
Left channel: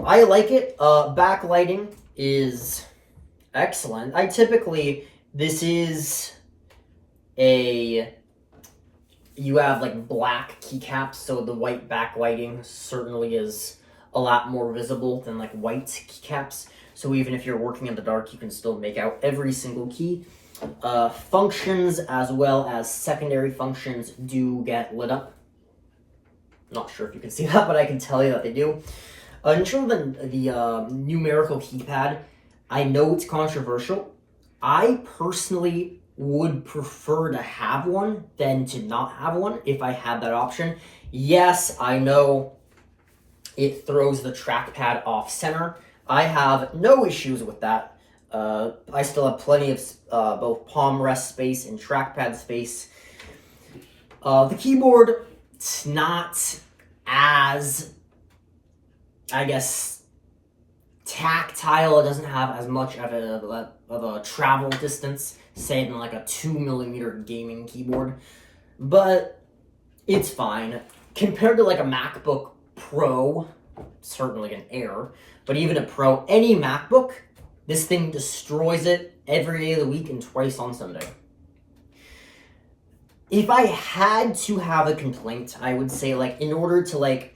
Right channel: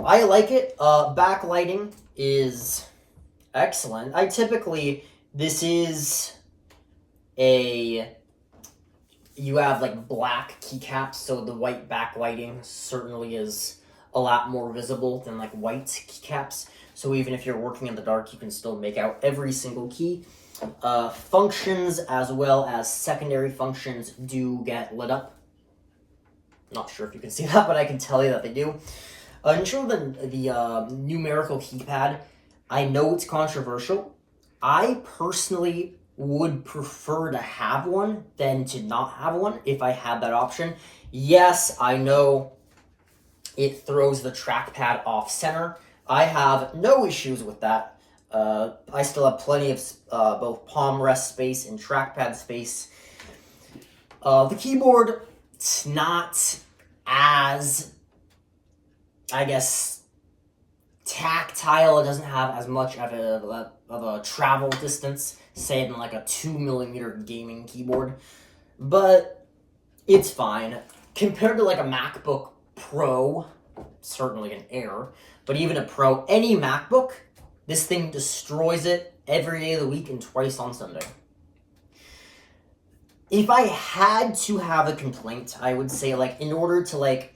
I like it. Backlighting is excellent. This is you have like black keycaps, so the white backlighting certainly is a lot more visible than like white keycaps. So even if you're working in the dark, you can still make out every single key. Functions as well as secondary functions do get lit up. Not sure if you can see that, but I can tell you that they do. In terms of the numerical keypad, I know it's controversial. I personally would prefer to have one than to not have one if I had that option. Yes, I know it throws the trackpad off center. I have no issues with that. I still have plenty of both palm rest space and trackpad space. The keyboard, it's not as, I guess, tactile. It doesn't have as much of a travel distance, say than like a 2mm gaming keyboard, but it's fine. Compared to like a MacBook Pro, certainly an Air, but even a Pro, any MacBook, this thing destroys it every day of the week and twice on Sunday. if I had to have a complaint, I would say, like, in order to, like,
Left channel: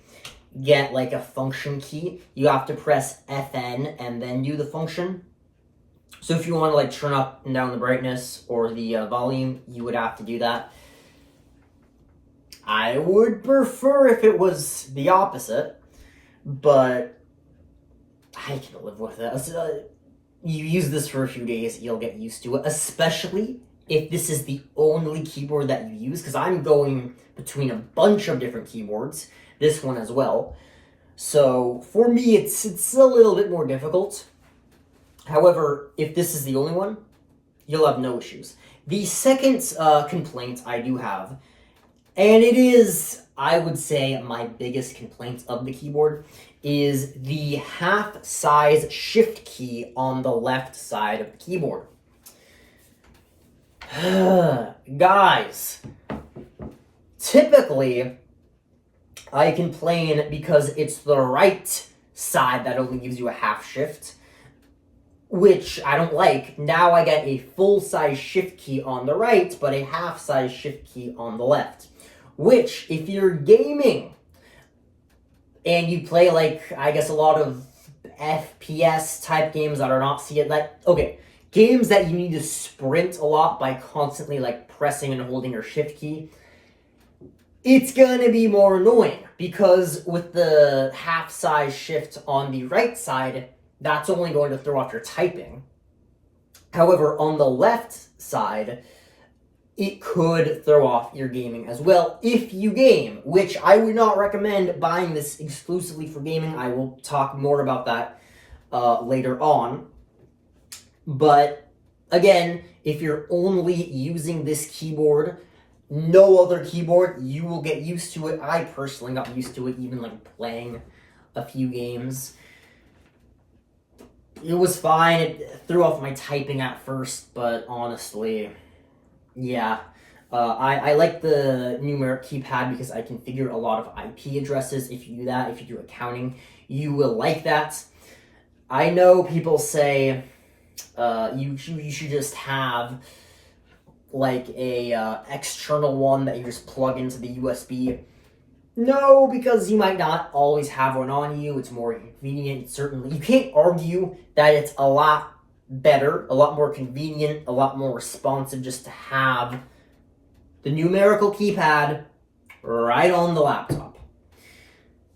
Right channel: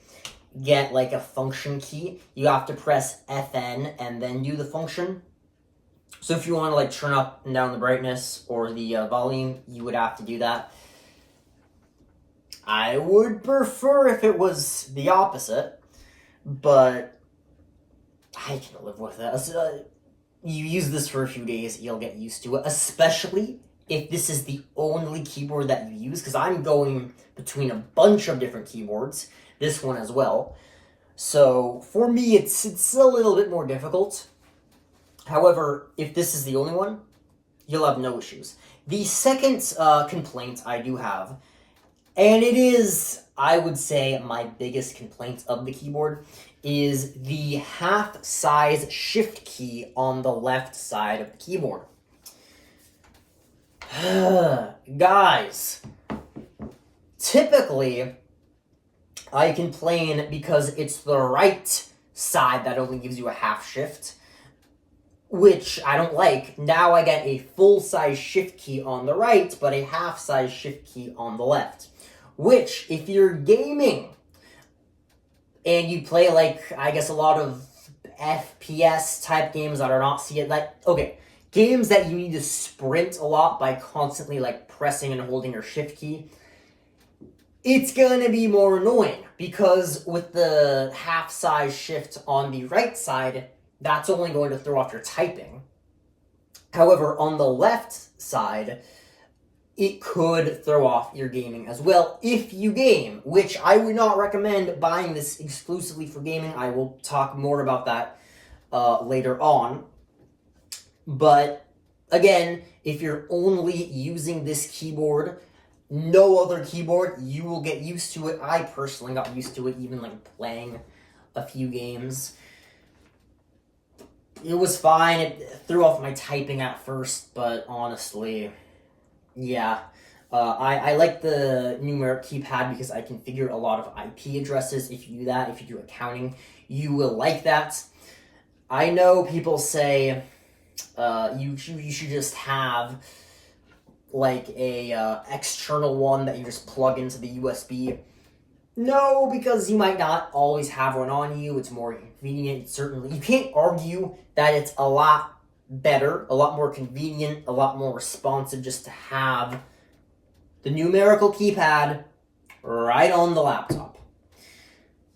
get, like, a function key, you have to press FN and then do the function. So if you want to, like, turn up and down the brightness or the volume, you would have to do that. I would prefer if it was the opposite, but I can live with it. You use this for a few days, you'll get used to it, especially if this is the only keyboard that you use, because I'm going between a bunch of different keyboards, this one as well. So for me, it's a little bit more difficult. However, if this is the only one, you'll have no issues. The second complaint I do have, and it is, I would say, my biggest complaint of the keyboard, is the half-size shift key on the left side of the keyboard. Guys, typically, I complain because it's the right side that only gives you a half shift, which I don't like. Now I get a full-size shift key on the right, but a half-size shift key on the left. Which, if you're gaming, and you play, like, I guess a lot of FPS-type games that are not games that you need to sprint a lot by constantly, like, pressing and holding your shift key, it's gonna be more annoying, because with the half-size shift on the right side, that's only going to throw off your typing. However, on the left side, it could throw off your gaming as well if you game, which I would not recommend buying this exclusively for gaming. I will talk more about that later on. But again, if you're only using this keyboard, no other keyboard, you will get used to it. I personally got used to it, even like playing a few games. It was fine. It threw off my typing at first, but honestly, yeah. I like the numeric keypad because I configure a lot of IP addresses. If you do that, if you do accounting, you will like that. I know people say you should just have like a external one that you just plug into the USB. No, because you might not always have one on you. It's more convenient, certainly. You can't argue that it's a lot better, a lot more convenient, a lot more responsive just to have the numerical keypad right on the laptop.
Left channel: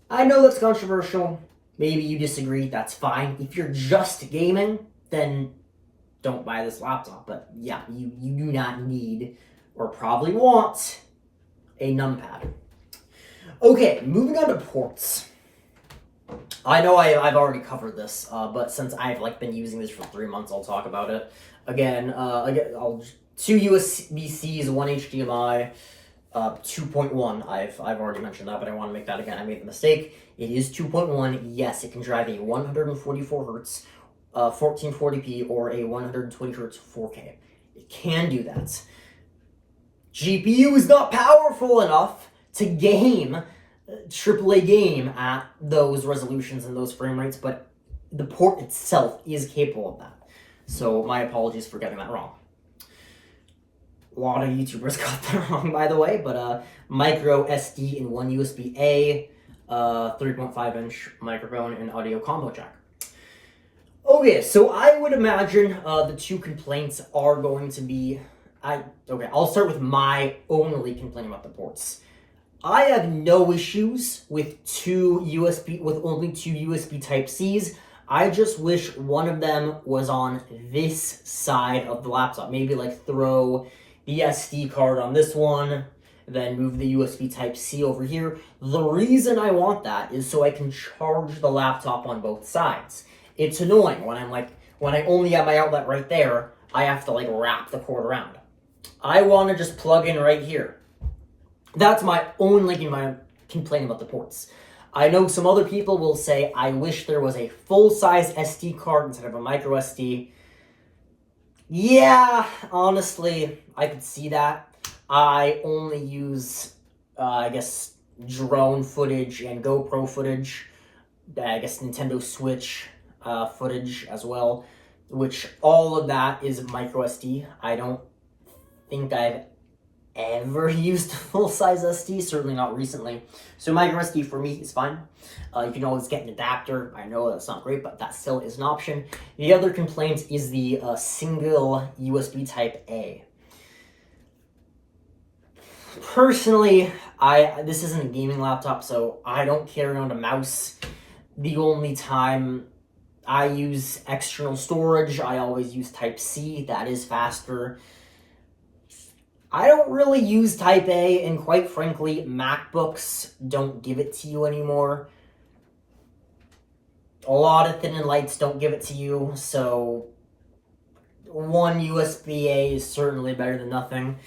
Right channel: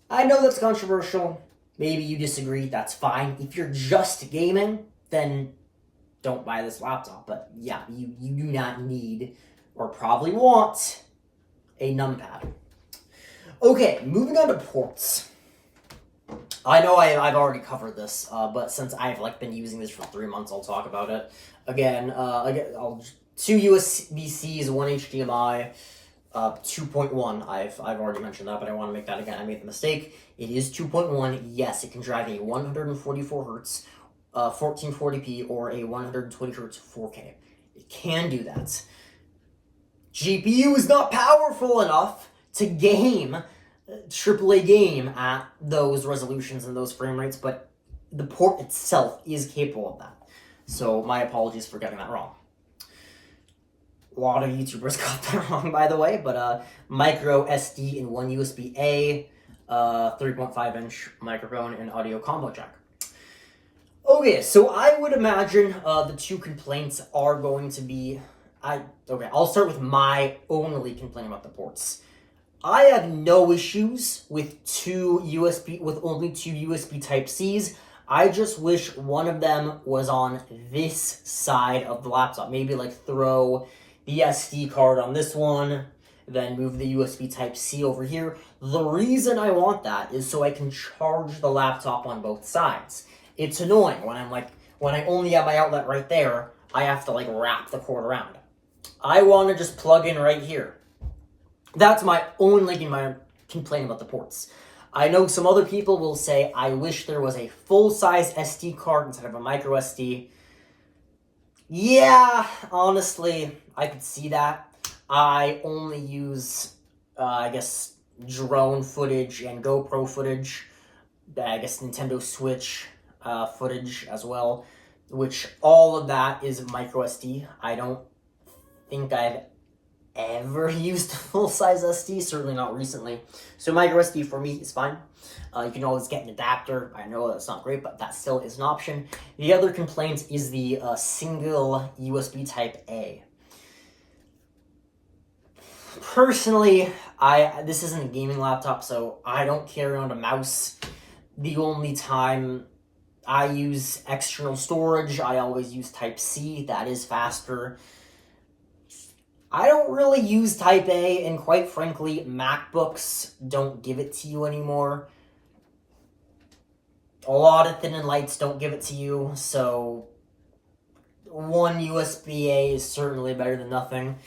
I know that's controversial. Maybe you disagree. That's fine. If you're just gaming, then don't buy this laptop. But yeah, you do not need or probably want a numpad. Okay, moving on to ports. I know I've already covered this, but since I've been using this for 3 months, I'll talk about it. Again, I'll 2 USB-Cs, 1 HDMI, 2.1. I've already mentioned that, but I want to make that again. I made the mistake. It is 2.1. Yes, it can drive a 144 hertz, 1440p, or a 120 hertz 4K. It can do that. GPU is not powerful enough to game AAA game at those resolutions and those frame rates, but the port itself is capable of that. So my apologies for getting that wrong. A lot of YouTubers got that wrong, by the way, but micro SD in one USB-A, 3.5-inch microphone, and audio combo jack. Okay, so I would imagine the two complaints are going to be... I'll start with my only complaint about the ports. I have no issues with only two USB Type-Cs. I just wish one of them was on this side of the laptop. Maybe throw the SD card on this one, then move the USB Type-C over here. The reason I want that is so I can charge the laptop on both sides. It's annoying when when I only have my outlet right there, I have to wrap the cord around. I want to just plug in right here. That's my only complaint about the ports. I know some other people will say, I wish there was a full-size SD card instead of a micro SD. Yeah, honestly, I could see that. I only use, drone footage and GoPro footage. I guess Nintendo Switch footage as well, which all of that is micro SD. I don't think I've ever used a full-size SD, certainly not recently. So micro SD for me is fine. You can always get an adapter. I know that's not great, but that still is an option. The other complaint is the single USB type A. Personally, this isn't a gaming laptop, so I don't carry around a mouse. The only time I use external storage, I always use Type-C. That is faster. I don't really use Type A, and quite frankly, MacBooks don't give it to you anymore. A lot of thin and lights don't give it to you, so one USB-A is certainly better than nothing.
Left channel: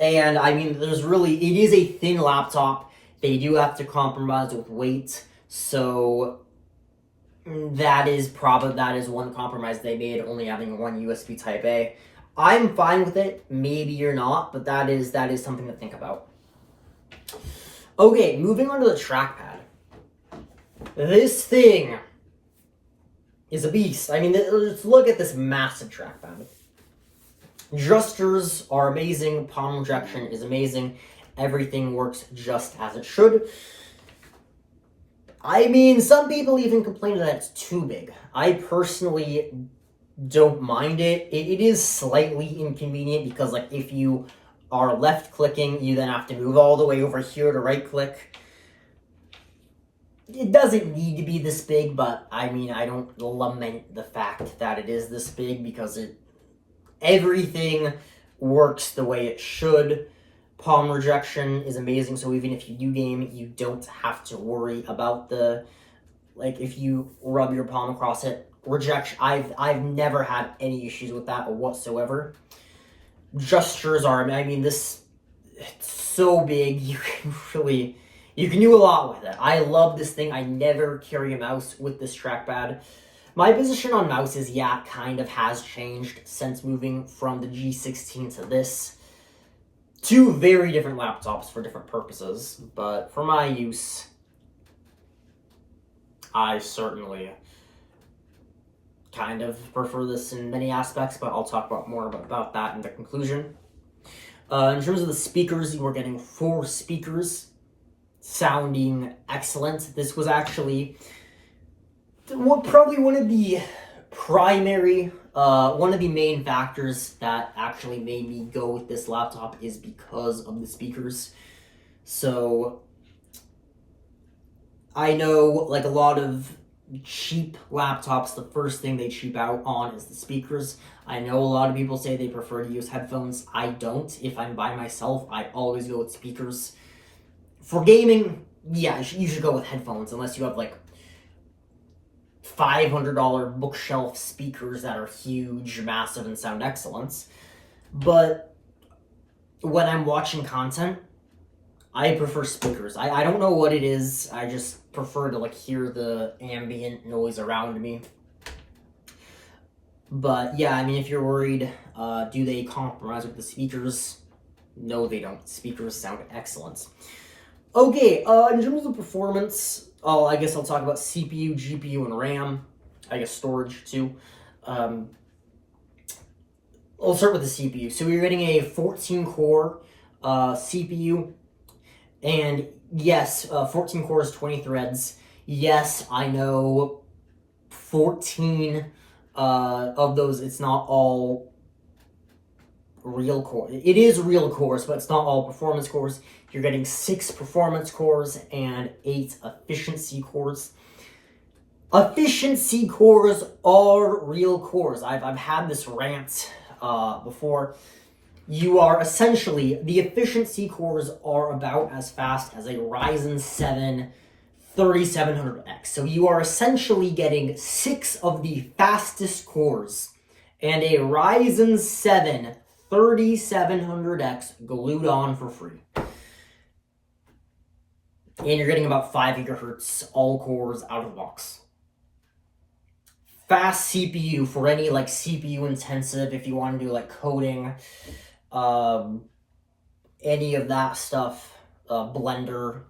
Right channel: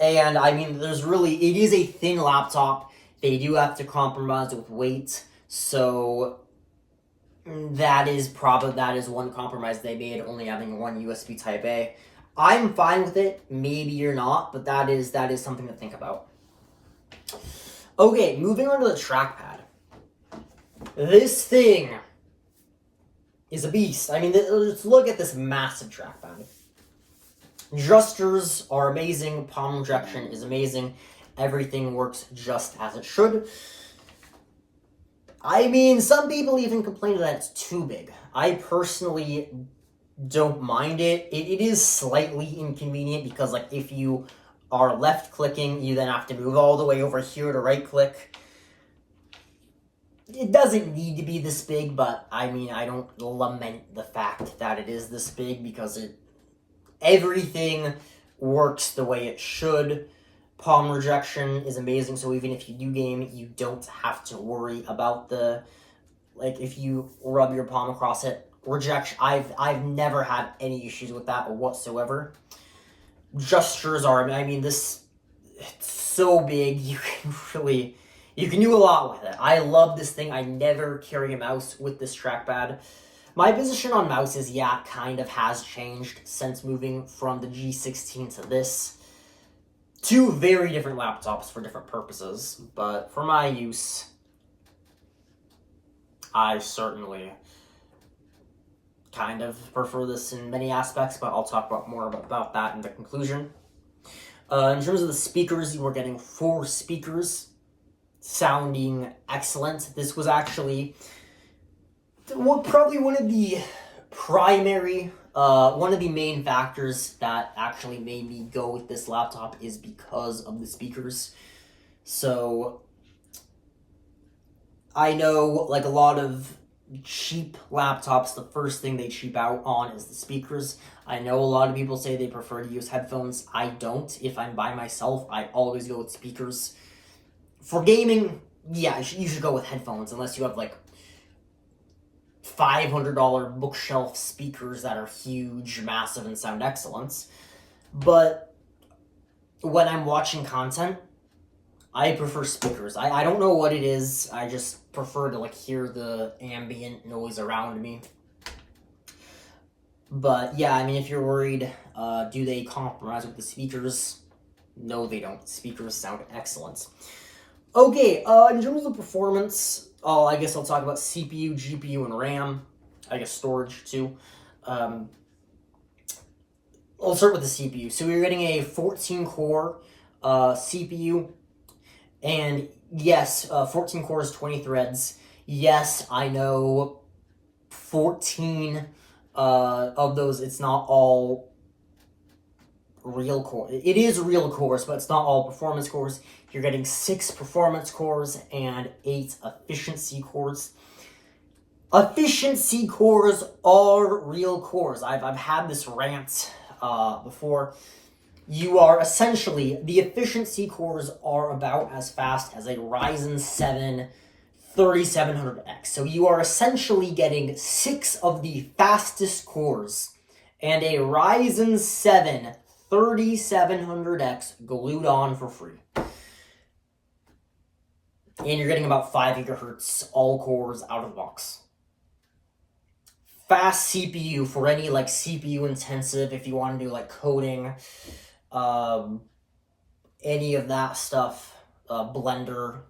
And I mean, it is a thin laptop. They do have to compromise with weight, so that is one compromise they made, only having one USB Type A. I'm fine with it. Maybe you're not, but that is something to think about. Okay, moving on to the trackpad. This thing is a beast. I mean, let's look at this massive trackpad. Gestures are amazing. Palm rejection is amazing. Everything works just as it should. I mean, some people even complain that it's too big. I personally don't mind it. It is slightly inconvenient because, like, if you are left clicking, you then have to move all the way over here to right click. It doesn't need to be this big, but I mean, I don't lament the fact that it is this big because everything works the way it should. Palm rejection is amazing, so even if you do game, you don't have to worry about if you rub your palm across it. Rejection, I've never had any issues with that whatsoever. Gestures it's so big, you can do a lot with it. I love this thing. I never carry a mouse with this trackpad. My position on mouses, kind of has changed since moving from the G16 to this. Two very different laptops for different purposes, but for my use, I certainly kind of prefer this in many aspects, but I'll talk more about that in the conclusion. In terms of the speakers, you were getting 4 speakers, sounding excellent. This was actually probably one of the main factors that actually made me go with this laptop is because of the speakers. So I know, like a lot of cheap laptops, the first thing they cheap out on is the speakers. I know a lot of people say they prefer to use headphones. I don't. If I'm by myself, I always go with speakers. For gaming, you should go with headphones unless you have like $500 bookshelf speakers that are huge, massive, and sound excellent. But when I'm watching content, I prefer speakers. I don't know what it is. I just prefer to hear the ambient noise around me. But if you're worried, do they compromise with the speakers? No, they don't. Speakers sound excellent. Okay, in terms of performance, I guess I'll talk about CPU, GPU, and RAM. I guess storage, too. I'll start with the CPU. So you're getting a 14-core CPU. And yes, 14 cores, 20 threads. Yes, I know 14 of those, it's not all real cores. It is real cores, but it's not all performance cores. You're getting 6 performance cores and 8 efficiency cores. Efficiency cores are real cores. I've had this rant before. You are essentially, the efficiency cores are about as fast as a Ryzen 7 3700X. So you are essentially getting 6 of the fastest cores and a Ryzen 7 3700X glued on for free. And you're getting about 5 gigahertz all cores out of the box. Fast CPU for any CPU intensive, if you want to do coding, any of that stuff, Blender.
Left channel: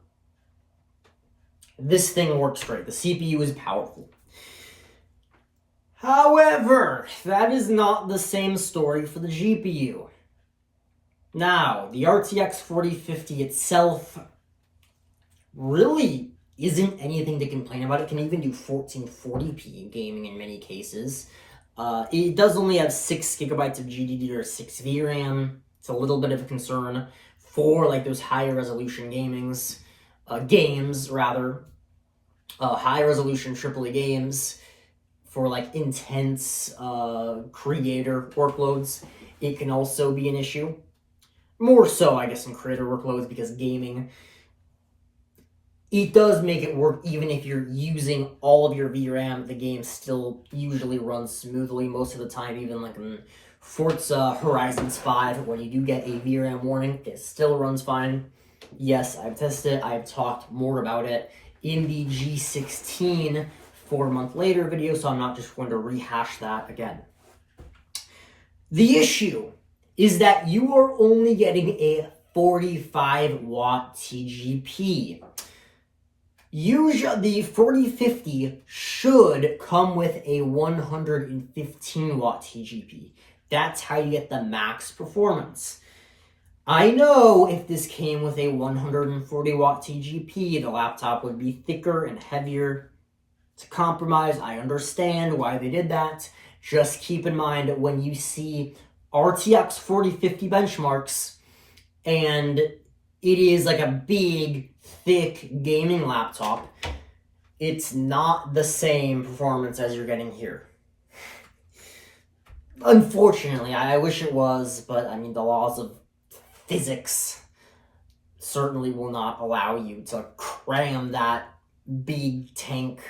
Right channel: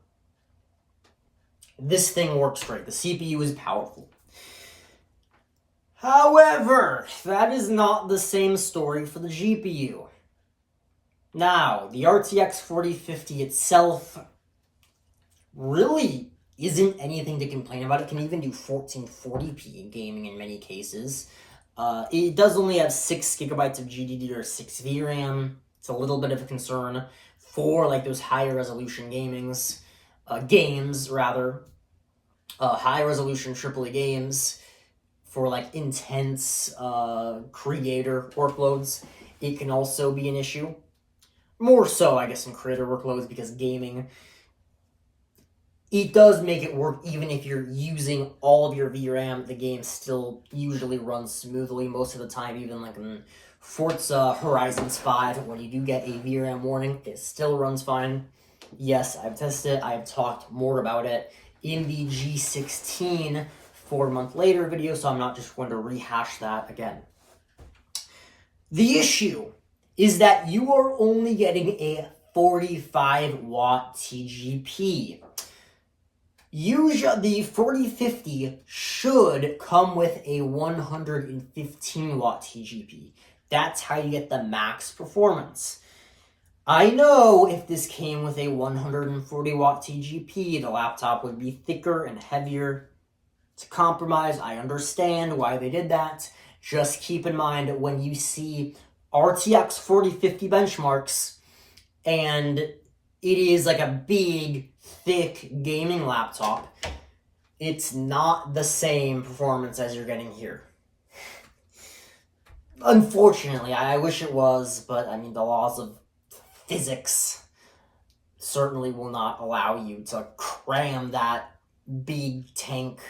This thing works great. The CPU is powerful. However, that is not the same story for the GPU. Now, the RTX 4050 itself really isn't anything to complain about. It can even do 1440p in gaming in many cases. It does only have 6 gigabytes of GDDR6 VRAM. It's a little bit of a concern for like those higher resolution games, high resolution AAA games for like intense creator workloads. It can also be an issue. More so, I guess, in creator workloads, because gaming, it does make it work even if you're using all of your VRAM. The game still usually runs smoothly most of the time, even like in Forza Horizons 5, where you do get a VRAM warning, it still runs fine. Yes, I've tested it. I've talked more about it in the G16 4-month later video, so I'm not just going to rehash that again. The issue is that you are only getting a 45 watt TGP. Usually, the 4050 should come with a 115 watt TGP. That's how you get the max performance. I know if this came with a 140 watt TGP, the laptop would be thicker and heavier. It's a compromise. I understand why they did that. Just keep in mind that when you see RTX 4050 benchmarks, and it is like a big, thick gaming laptop, it's not the same performance as you're getting here. Unfortunately, I wish it was, but I mean, the laws of physics certainly will not allow you to cram that big tank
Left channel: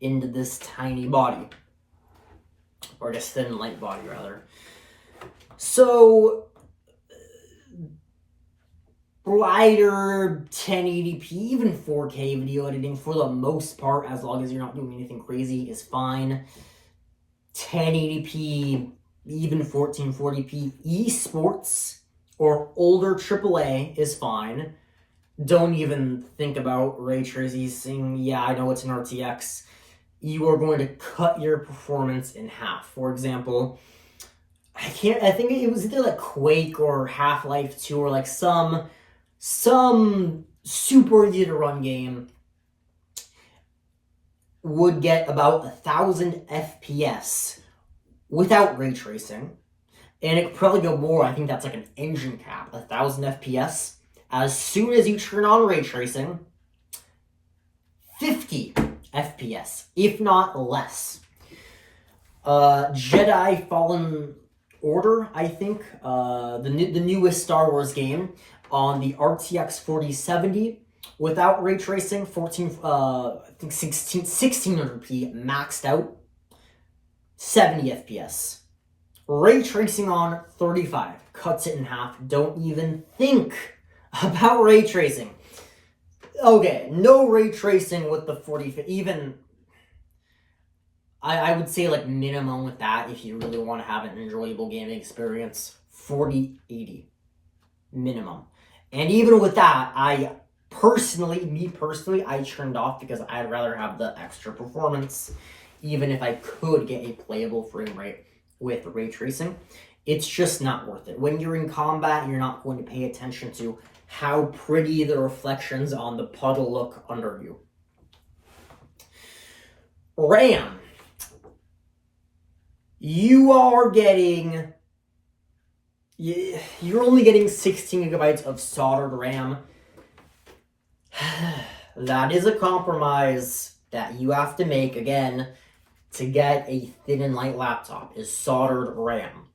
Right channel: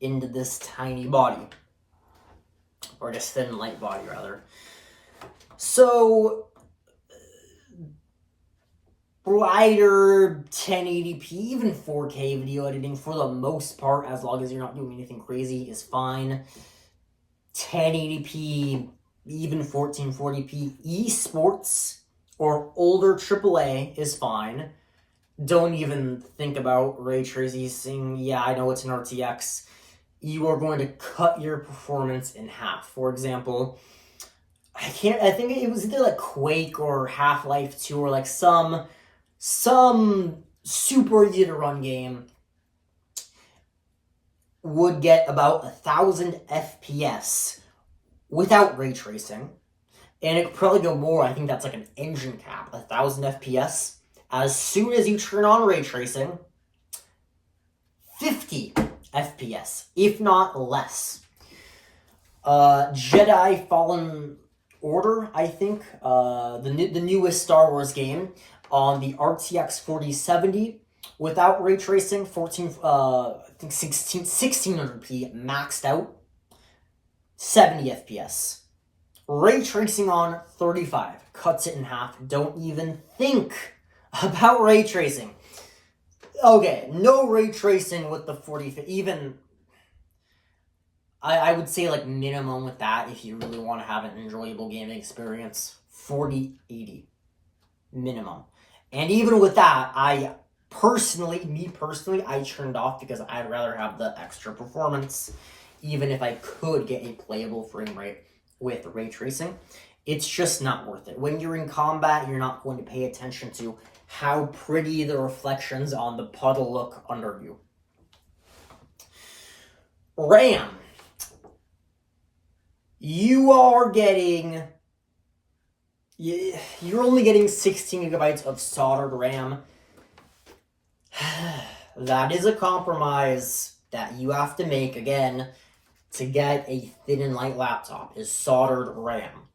into this tiny body. Or just thin, light body, rather. So, brighter 1080p, even 4K video editing, for the most part, as long as you're not doing anything crazy, is fine. 1080p, even 1440p, esports or older AAA is fine. Don't even think about ray tracing. Yeah, I know it's an RTX. You are going to cut your performance in half. For example, I think it was either like Quake or Half-Life 2 or like some super easy to run game would get about 1,000 FPS without ray tracing. And it could probably go more. I think that's like an engine cap, 1,000 FPS. As soon as you turn on ray tracing, 50 FPS, if not less. Jedi Fallen Order, I think, the newest Star Wars game, on the RTX 4070 without ray tracing, 1600p maxed out, 70 FPS. Ray tracing on 35, cuts it in half. Don't even think about ray tracing. Okay, no ray tracing with the 4050, even, I would say like minimum with that, if you really want to have an enjoyable gaming experience, 4080 minimum. And even with that, me personally, I turned off because I'd rather have the extra performance, even if I could get a playable frame rate with ray tracing. It's just not worth it. When you're in combat, you're not going to pay attention to how pretty the reflections on the puddle look under you. RAM. You're only getting 16 gigabytes of soldered RAM. That is a compromise that you have to make, again, to get a thin and light laptop, is soldered RAM.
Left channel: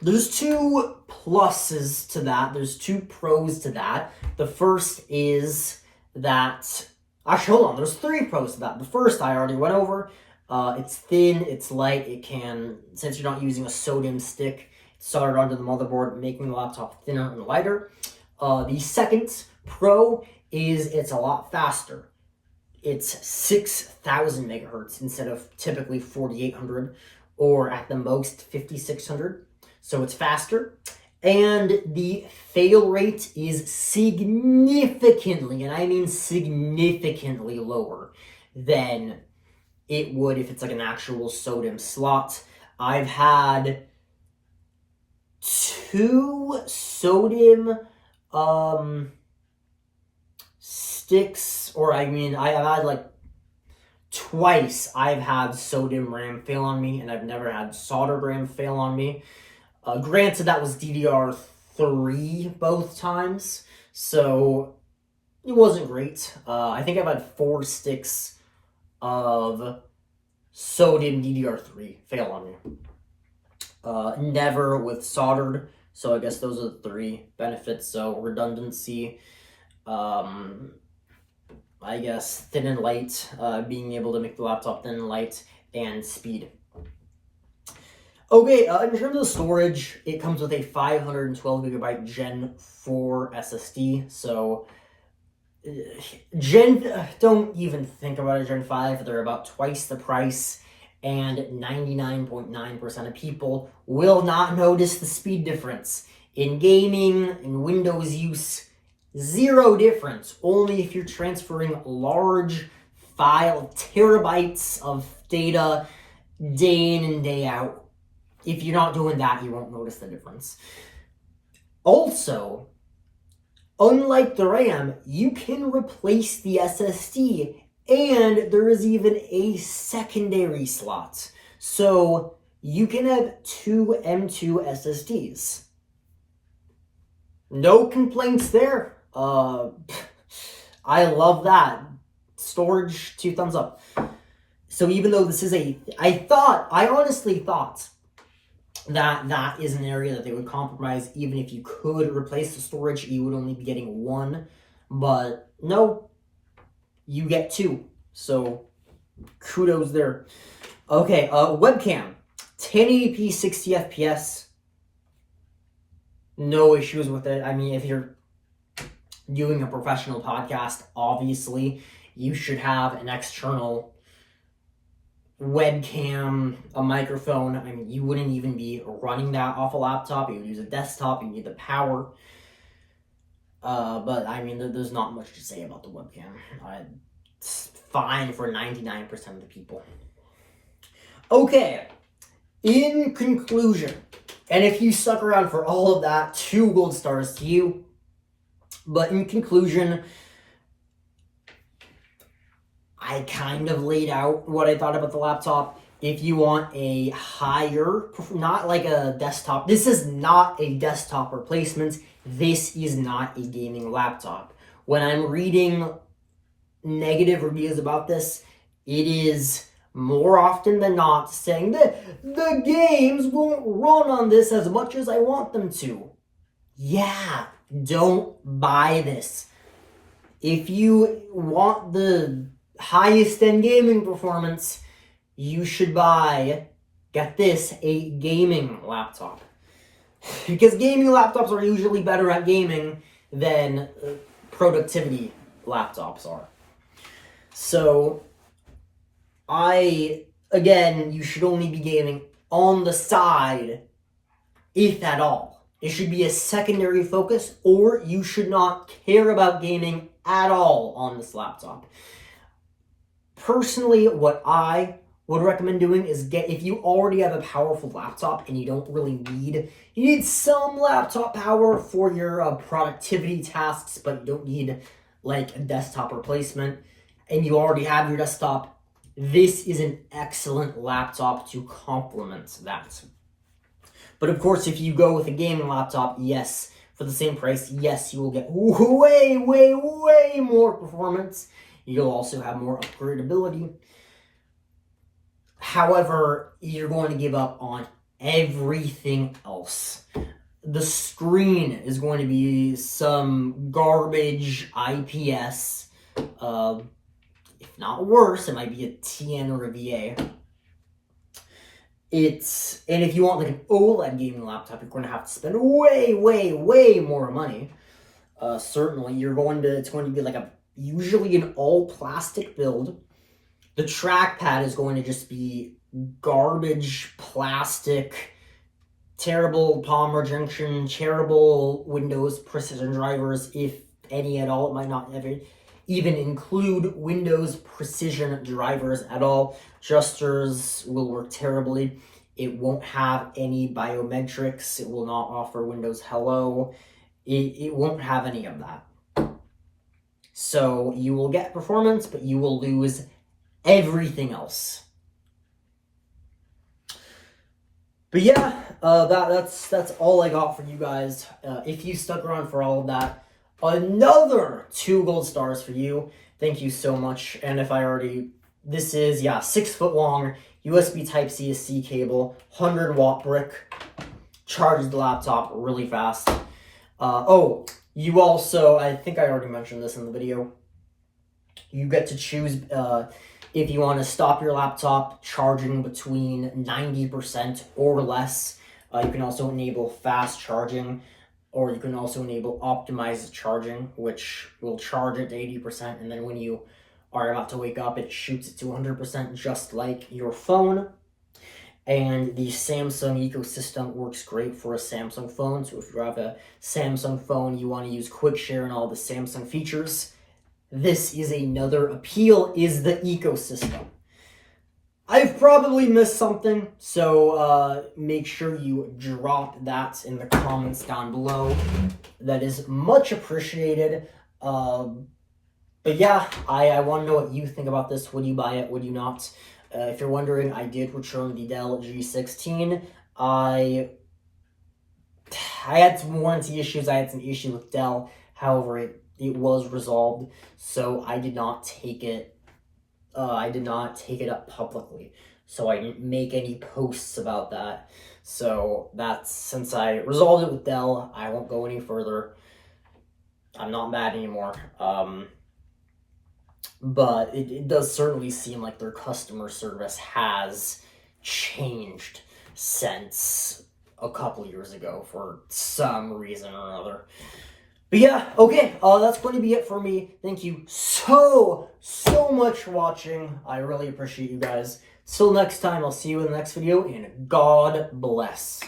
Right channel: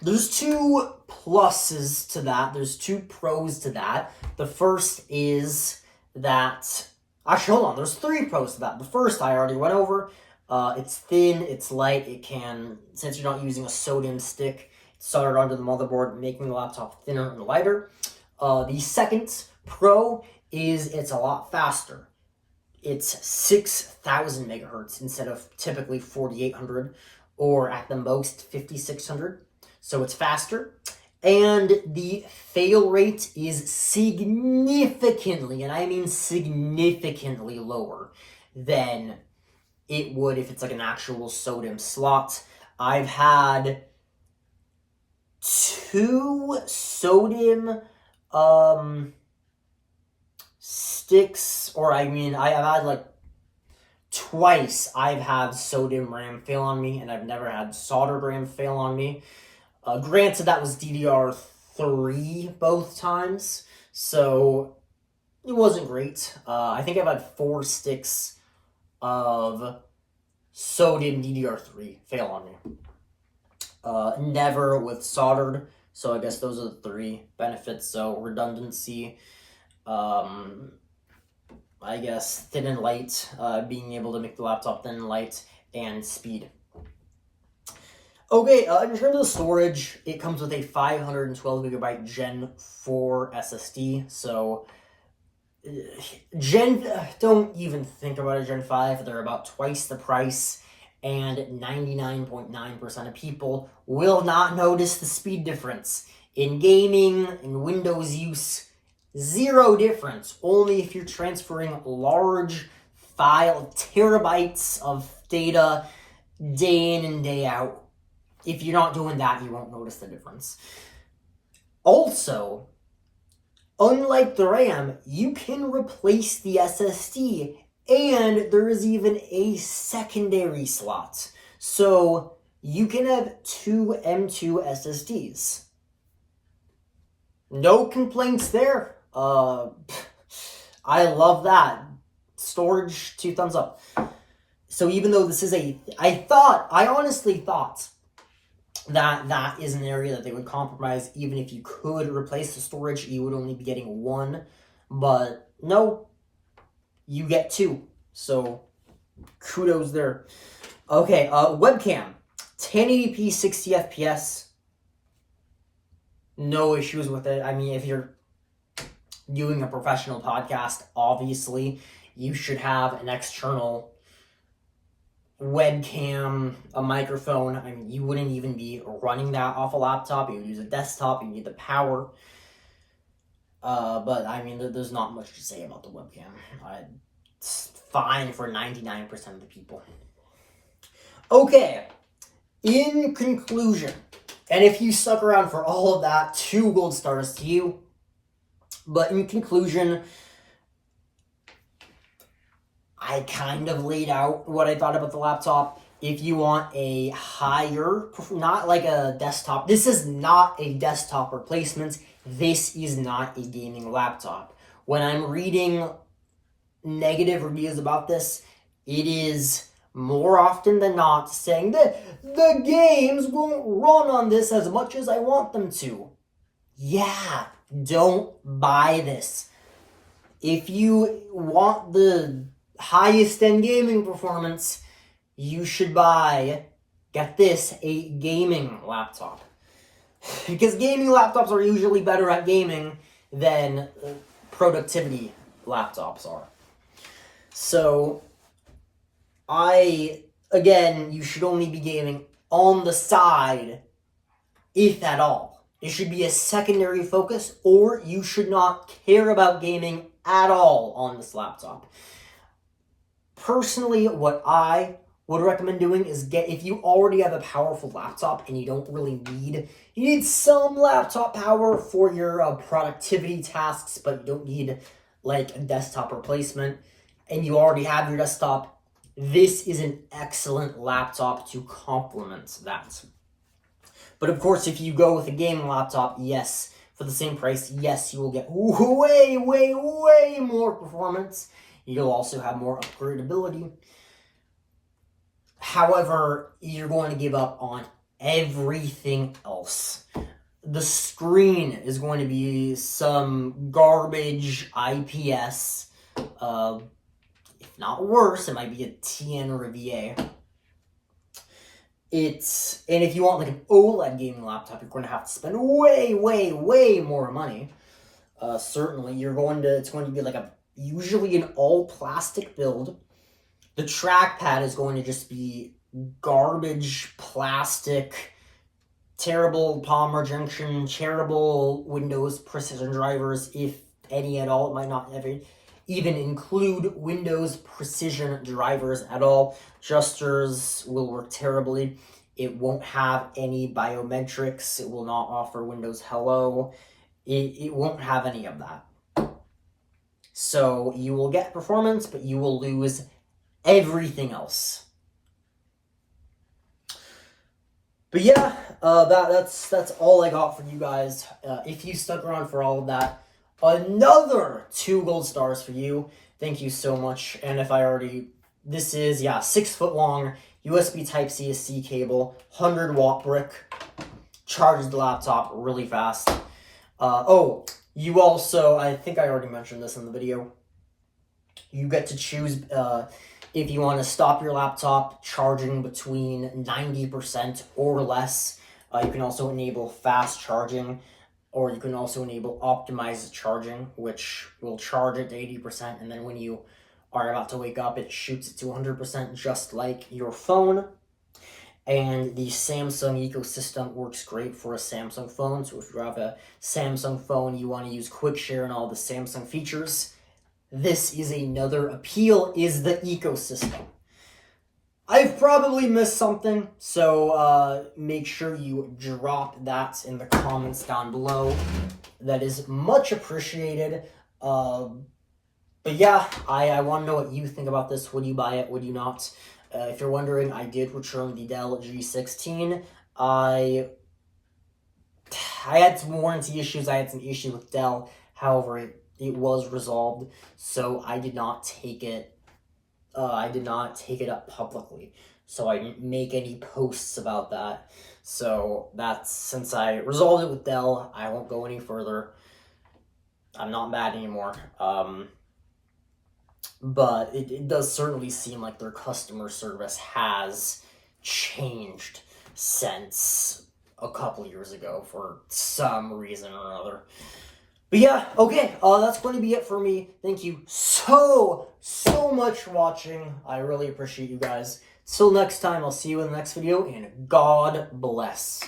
There's two pluses to that. There's two pros to that. The first is that... Actually, hold on. There's three pros to that. The first I already went over. It's thin, it's light, it can, since you're not using a sodium stick, it's soldered onto the motherboard, making the laptop thinner and lighter. The second pro is it's a lot faster. It's 6,000 megahertz instead of typically 4,800, or at the most 5,600. So it's faster. And the fail rate is significantly, and I mean significantly, lower than it would if it's like an actual SODIMM slot. I've had 2 SODIMM sticks, or I mean, I've had like twice I've had SODIMM RAM fail on me, and I've never had soldered RAM fail on me. Granted, that was DDR3 both times, so it wasn't great. I think I've had 4 sticks of SODIMM DDR3 fail on me. Never with soldered, so I guess those are the 3 benefits. So redundancy, I guess thin and light, being able to make the laptop thin and light, and speed. Okay, in terms of the storage, it comes with a 512GB Gen 4 SSD, so don't even think about a Gen 5, they're about twice the price, and 99.9% of people will not notice the speed difference. In gaming and Windows use, 0 difference, only if you're transferring large terabytes of data day in and day out. If you're not doing that, you won't notice the difference. Also, unlike the RAM, you can replace the SSD, and there is even a secondary slot. So you can have 2 M2 SSDs. No complaints there. I love that. Storage, 2 thumbs up. So even though this is I honestly thought that is an area that they would compromise. Even if you could replace the storage, you would only be getting 1. But no, you get 2. So kudos there. Okay, webcam. 1080p 60 FPS. No issues with it. I mean, if you're doing a professional podcast, obviously you should have an external webcam, a microphone. I mean, you wouldn't even be running that off a laptop. You would use a desktop. You need the power. But I mean, there's not much to say about the webcam. It's fine for 99% of the people. Okay, in conclusion, and if you stuck around for all of that, 2 gold stars to you. But in conclusion, I kind of laid out what I thought about the laptop. If you want a higher, not like a desktop, this is not a desktop replacement. This is not a gaming laptop. When I'm reading negative reviews about this, it is more often than not saying that the games won't run on this as much as I want them to. Yeah, don't buy this. If you want the highest end gaming performance, you should get this, a gaming laptop. Because gaming laptops are usually better at gaming than productivity laptops are. So, again, you should only be gaming on the side, if at all. It should be a secondary focus, or you should not care about gaming at all on this laptop. Personally, what I would recommend doing is if you already have a powerful laptop and you don't really you need some laptop power for your productivity tasks, but you don't need like a desktop replacement, and you already have your desktop, this is an excellent laptop to complement that. But of course, if you go with a gaming laptop, yes, for the same price, yes, you will get way, way, way more performance. You'll also have more upgradability. However, you're going to give up on everything else. The screen is going to be some garbage IPS. If not worse, it might be a TN or a VA. And if you want like an OLED gaming laptop, you're going to have to spend way, way, way more money. Certainly, it's going to be like usually an all plastic build. The trackpad is going to just be garbage plastic, terrible polymer junction, terrible Windows precision drivers, if any at all. It might not ever. even include Windows precision drivers at all. Adjusters will work terribly. It won't have any biometrics. It will not offer Windows Hello. It won't have any of that. So you will get performance, but you will lose everything else. But yeah, that's all I got for you guys. If you stuck around for all of that, another 2 gold stars for you. Thank you so much. And if I already, this is, 6 foot long USB Type-C to C cable, 100-watt brick, charges the laptop really fast. You also, I think I already mentioned this in the video, you get to choose if you want to stop your laptop charging between 90% or less. You can also enable fast charging, or you can also enable optimized charging, which will charge it to 80%, and then when you are about to wake up, it shoots it to 100%, just like your phone. And the Samsung ecosystem works great for a Samsung phone. So if you have a Samsung phone, you want to use quick share and all the Samsung features, this is another appeal, is the ecosystem. I've probably missed something, so make sure you drop that in the comments down below. That is much appreciated. But yeah, I want to know what you think about this. Would you buy it? Would you not? If you're wondering, I did return the Dell G16. I had some warranty issues. I had some issues with Dell. However, it was resolved, so I did not take it. I did not take it up publicly, so I didn't make any posts about that. So that's, since I resolved it with Dell, I won't go any further. I'm not mad anymore. But it does certainly seem like their customer service has changed since a couple years ago for some reason or another. But yeah, okay, that's going to be it for me. Thank you so much for watching. I really appreciate you guys. Till next time, I'll see you in the next video, and God bless.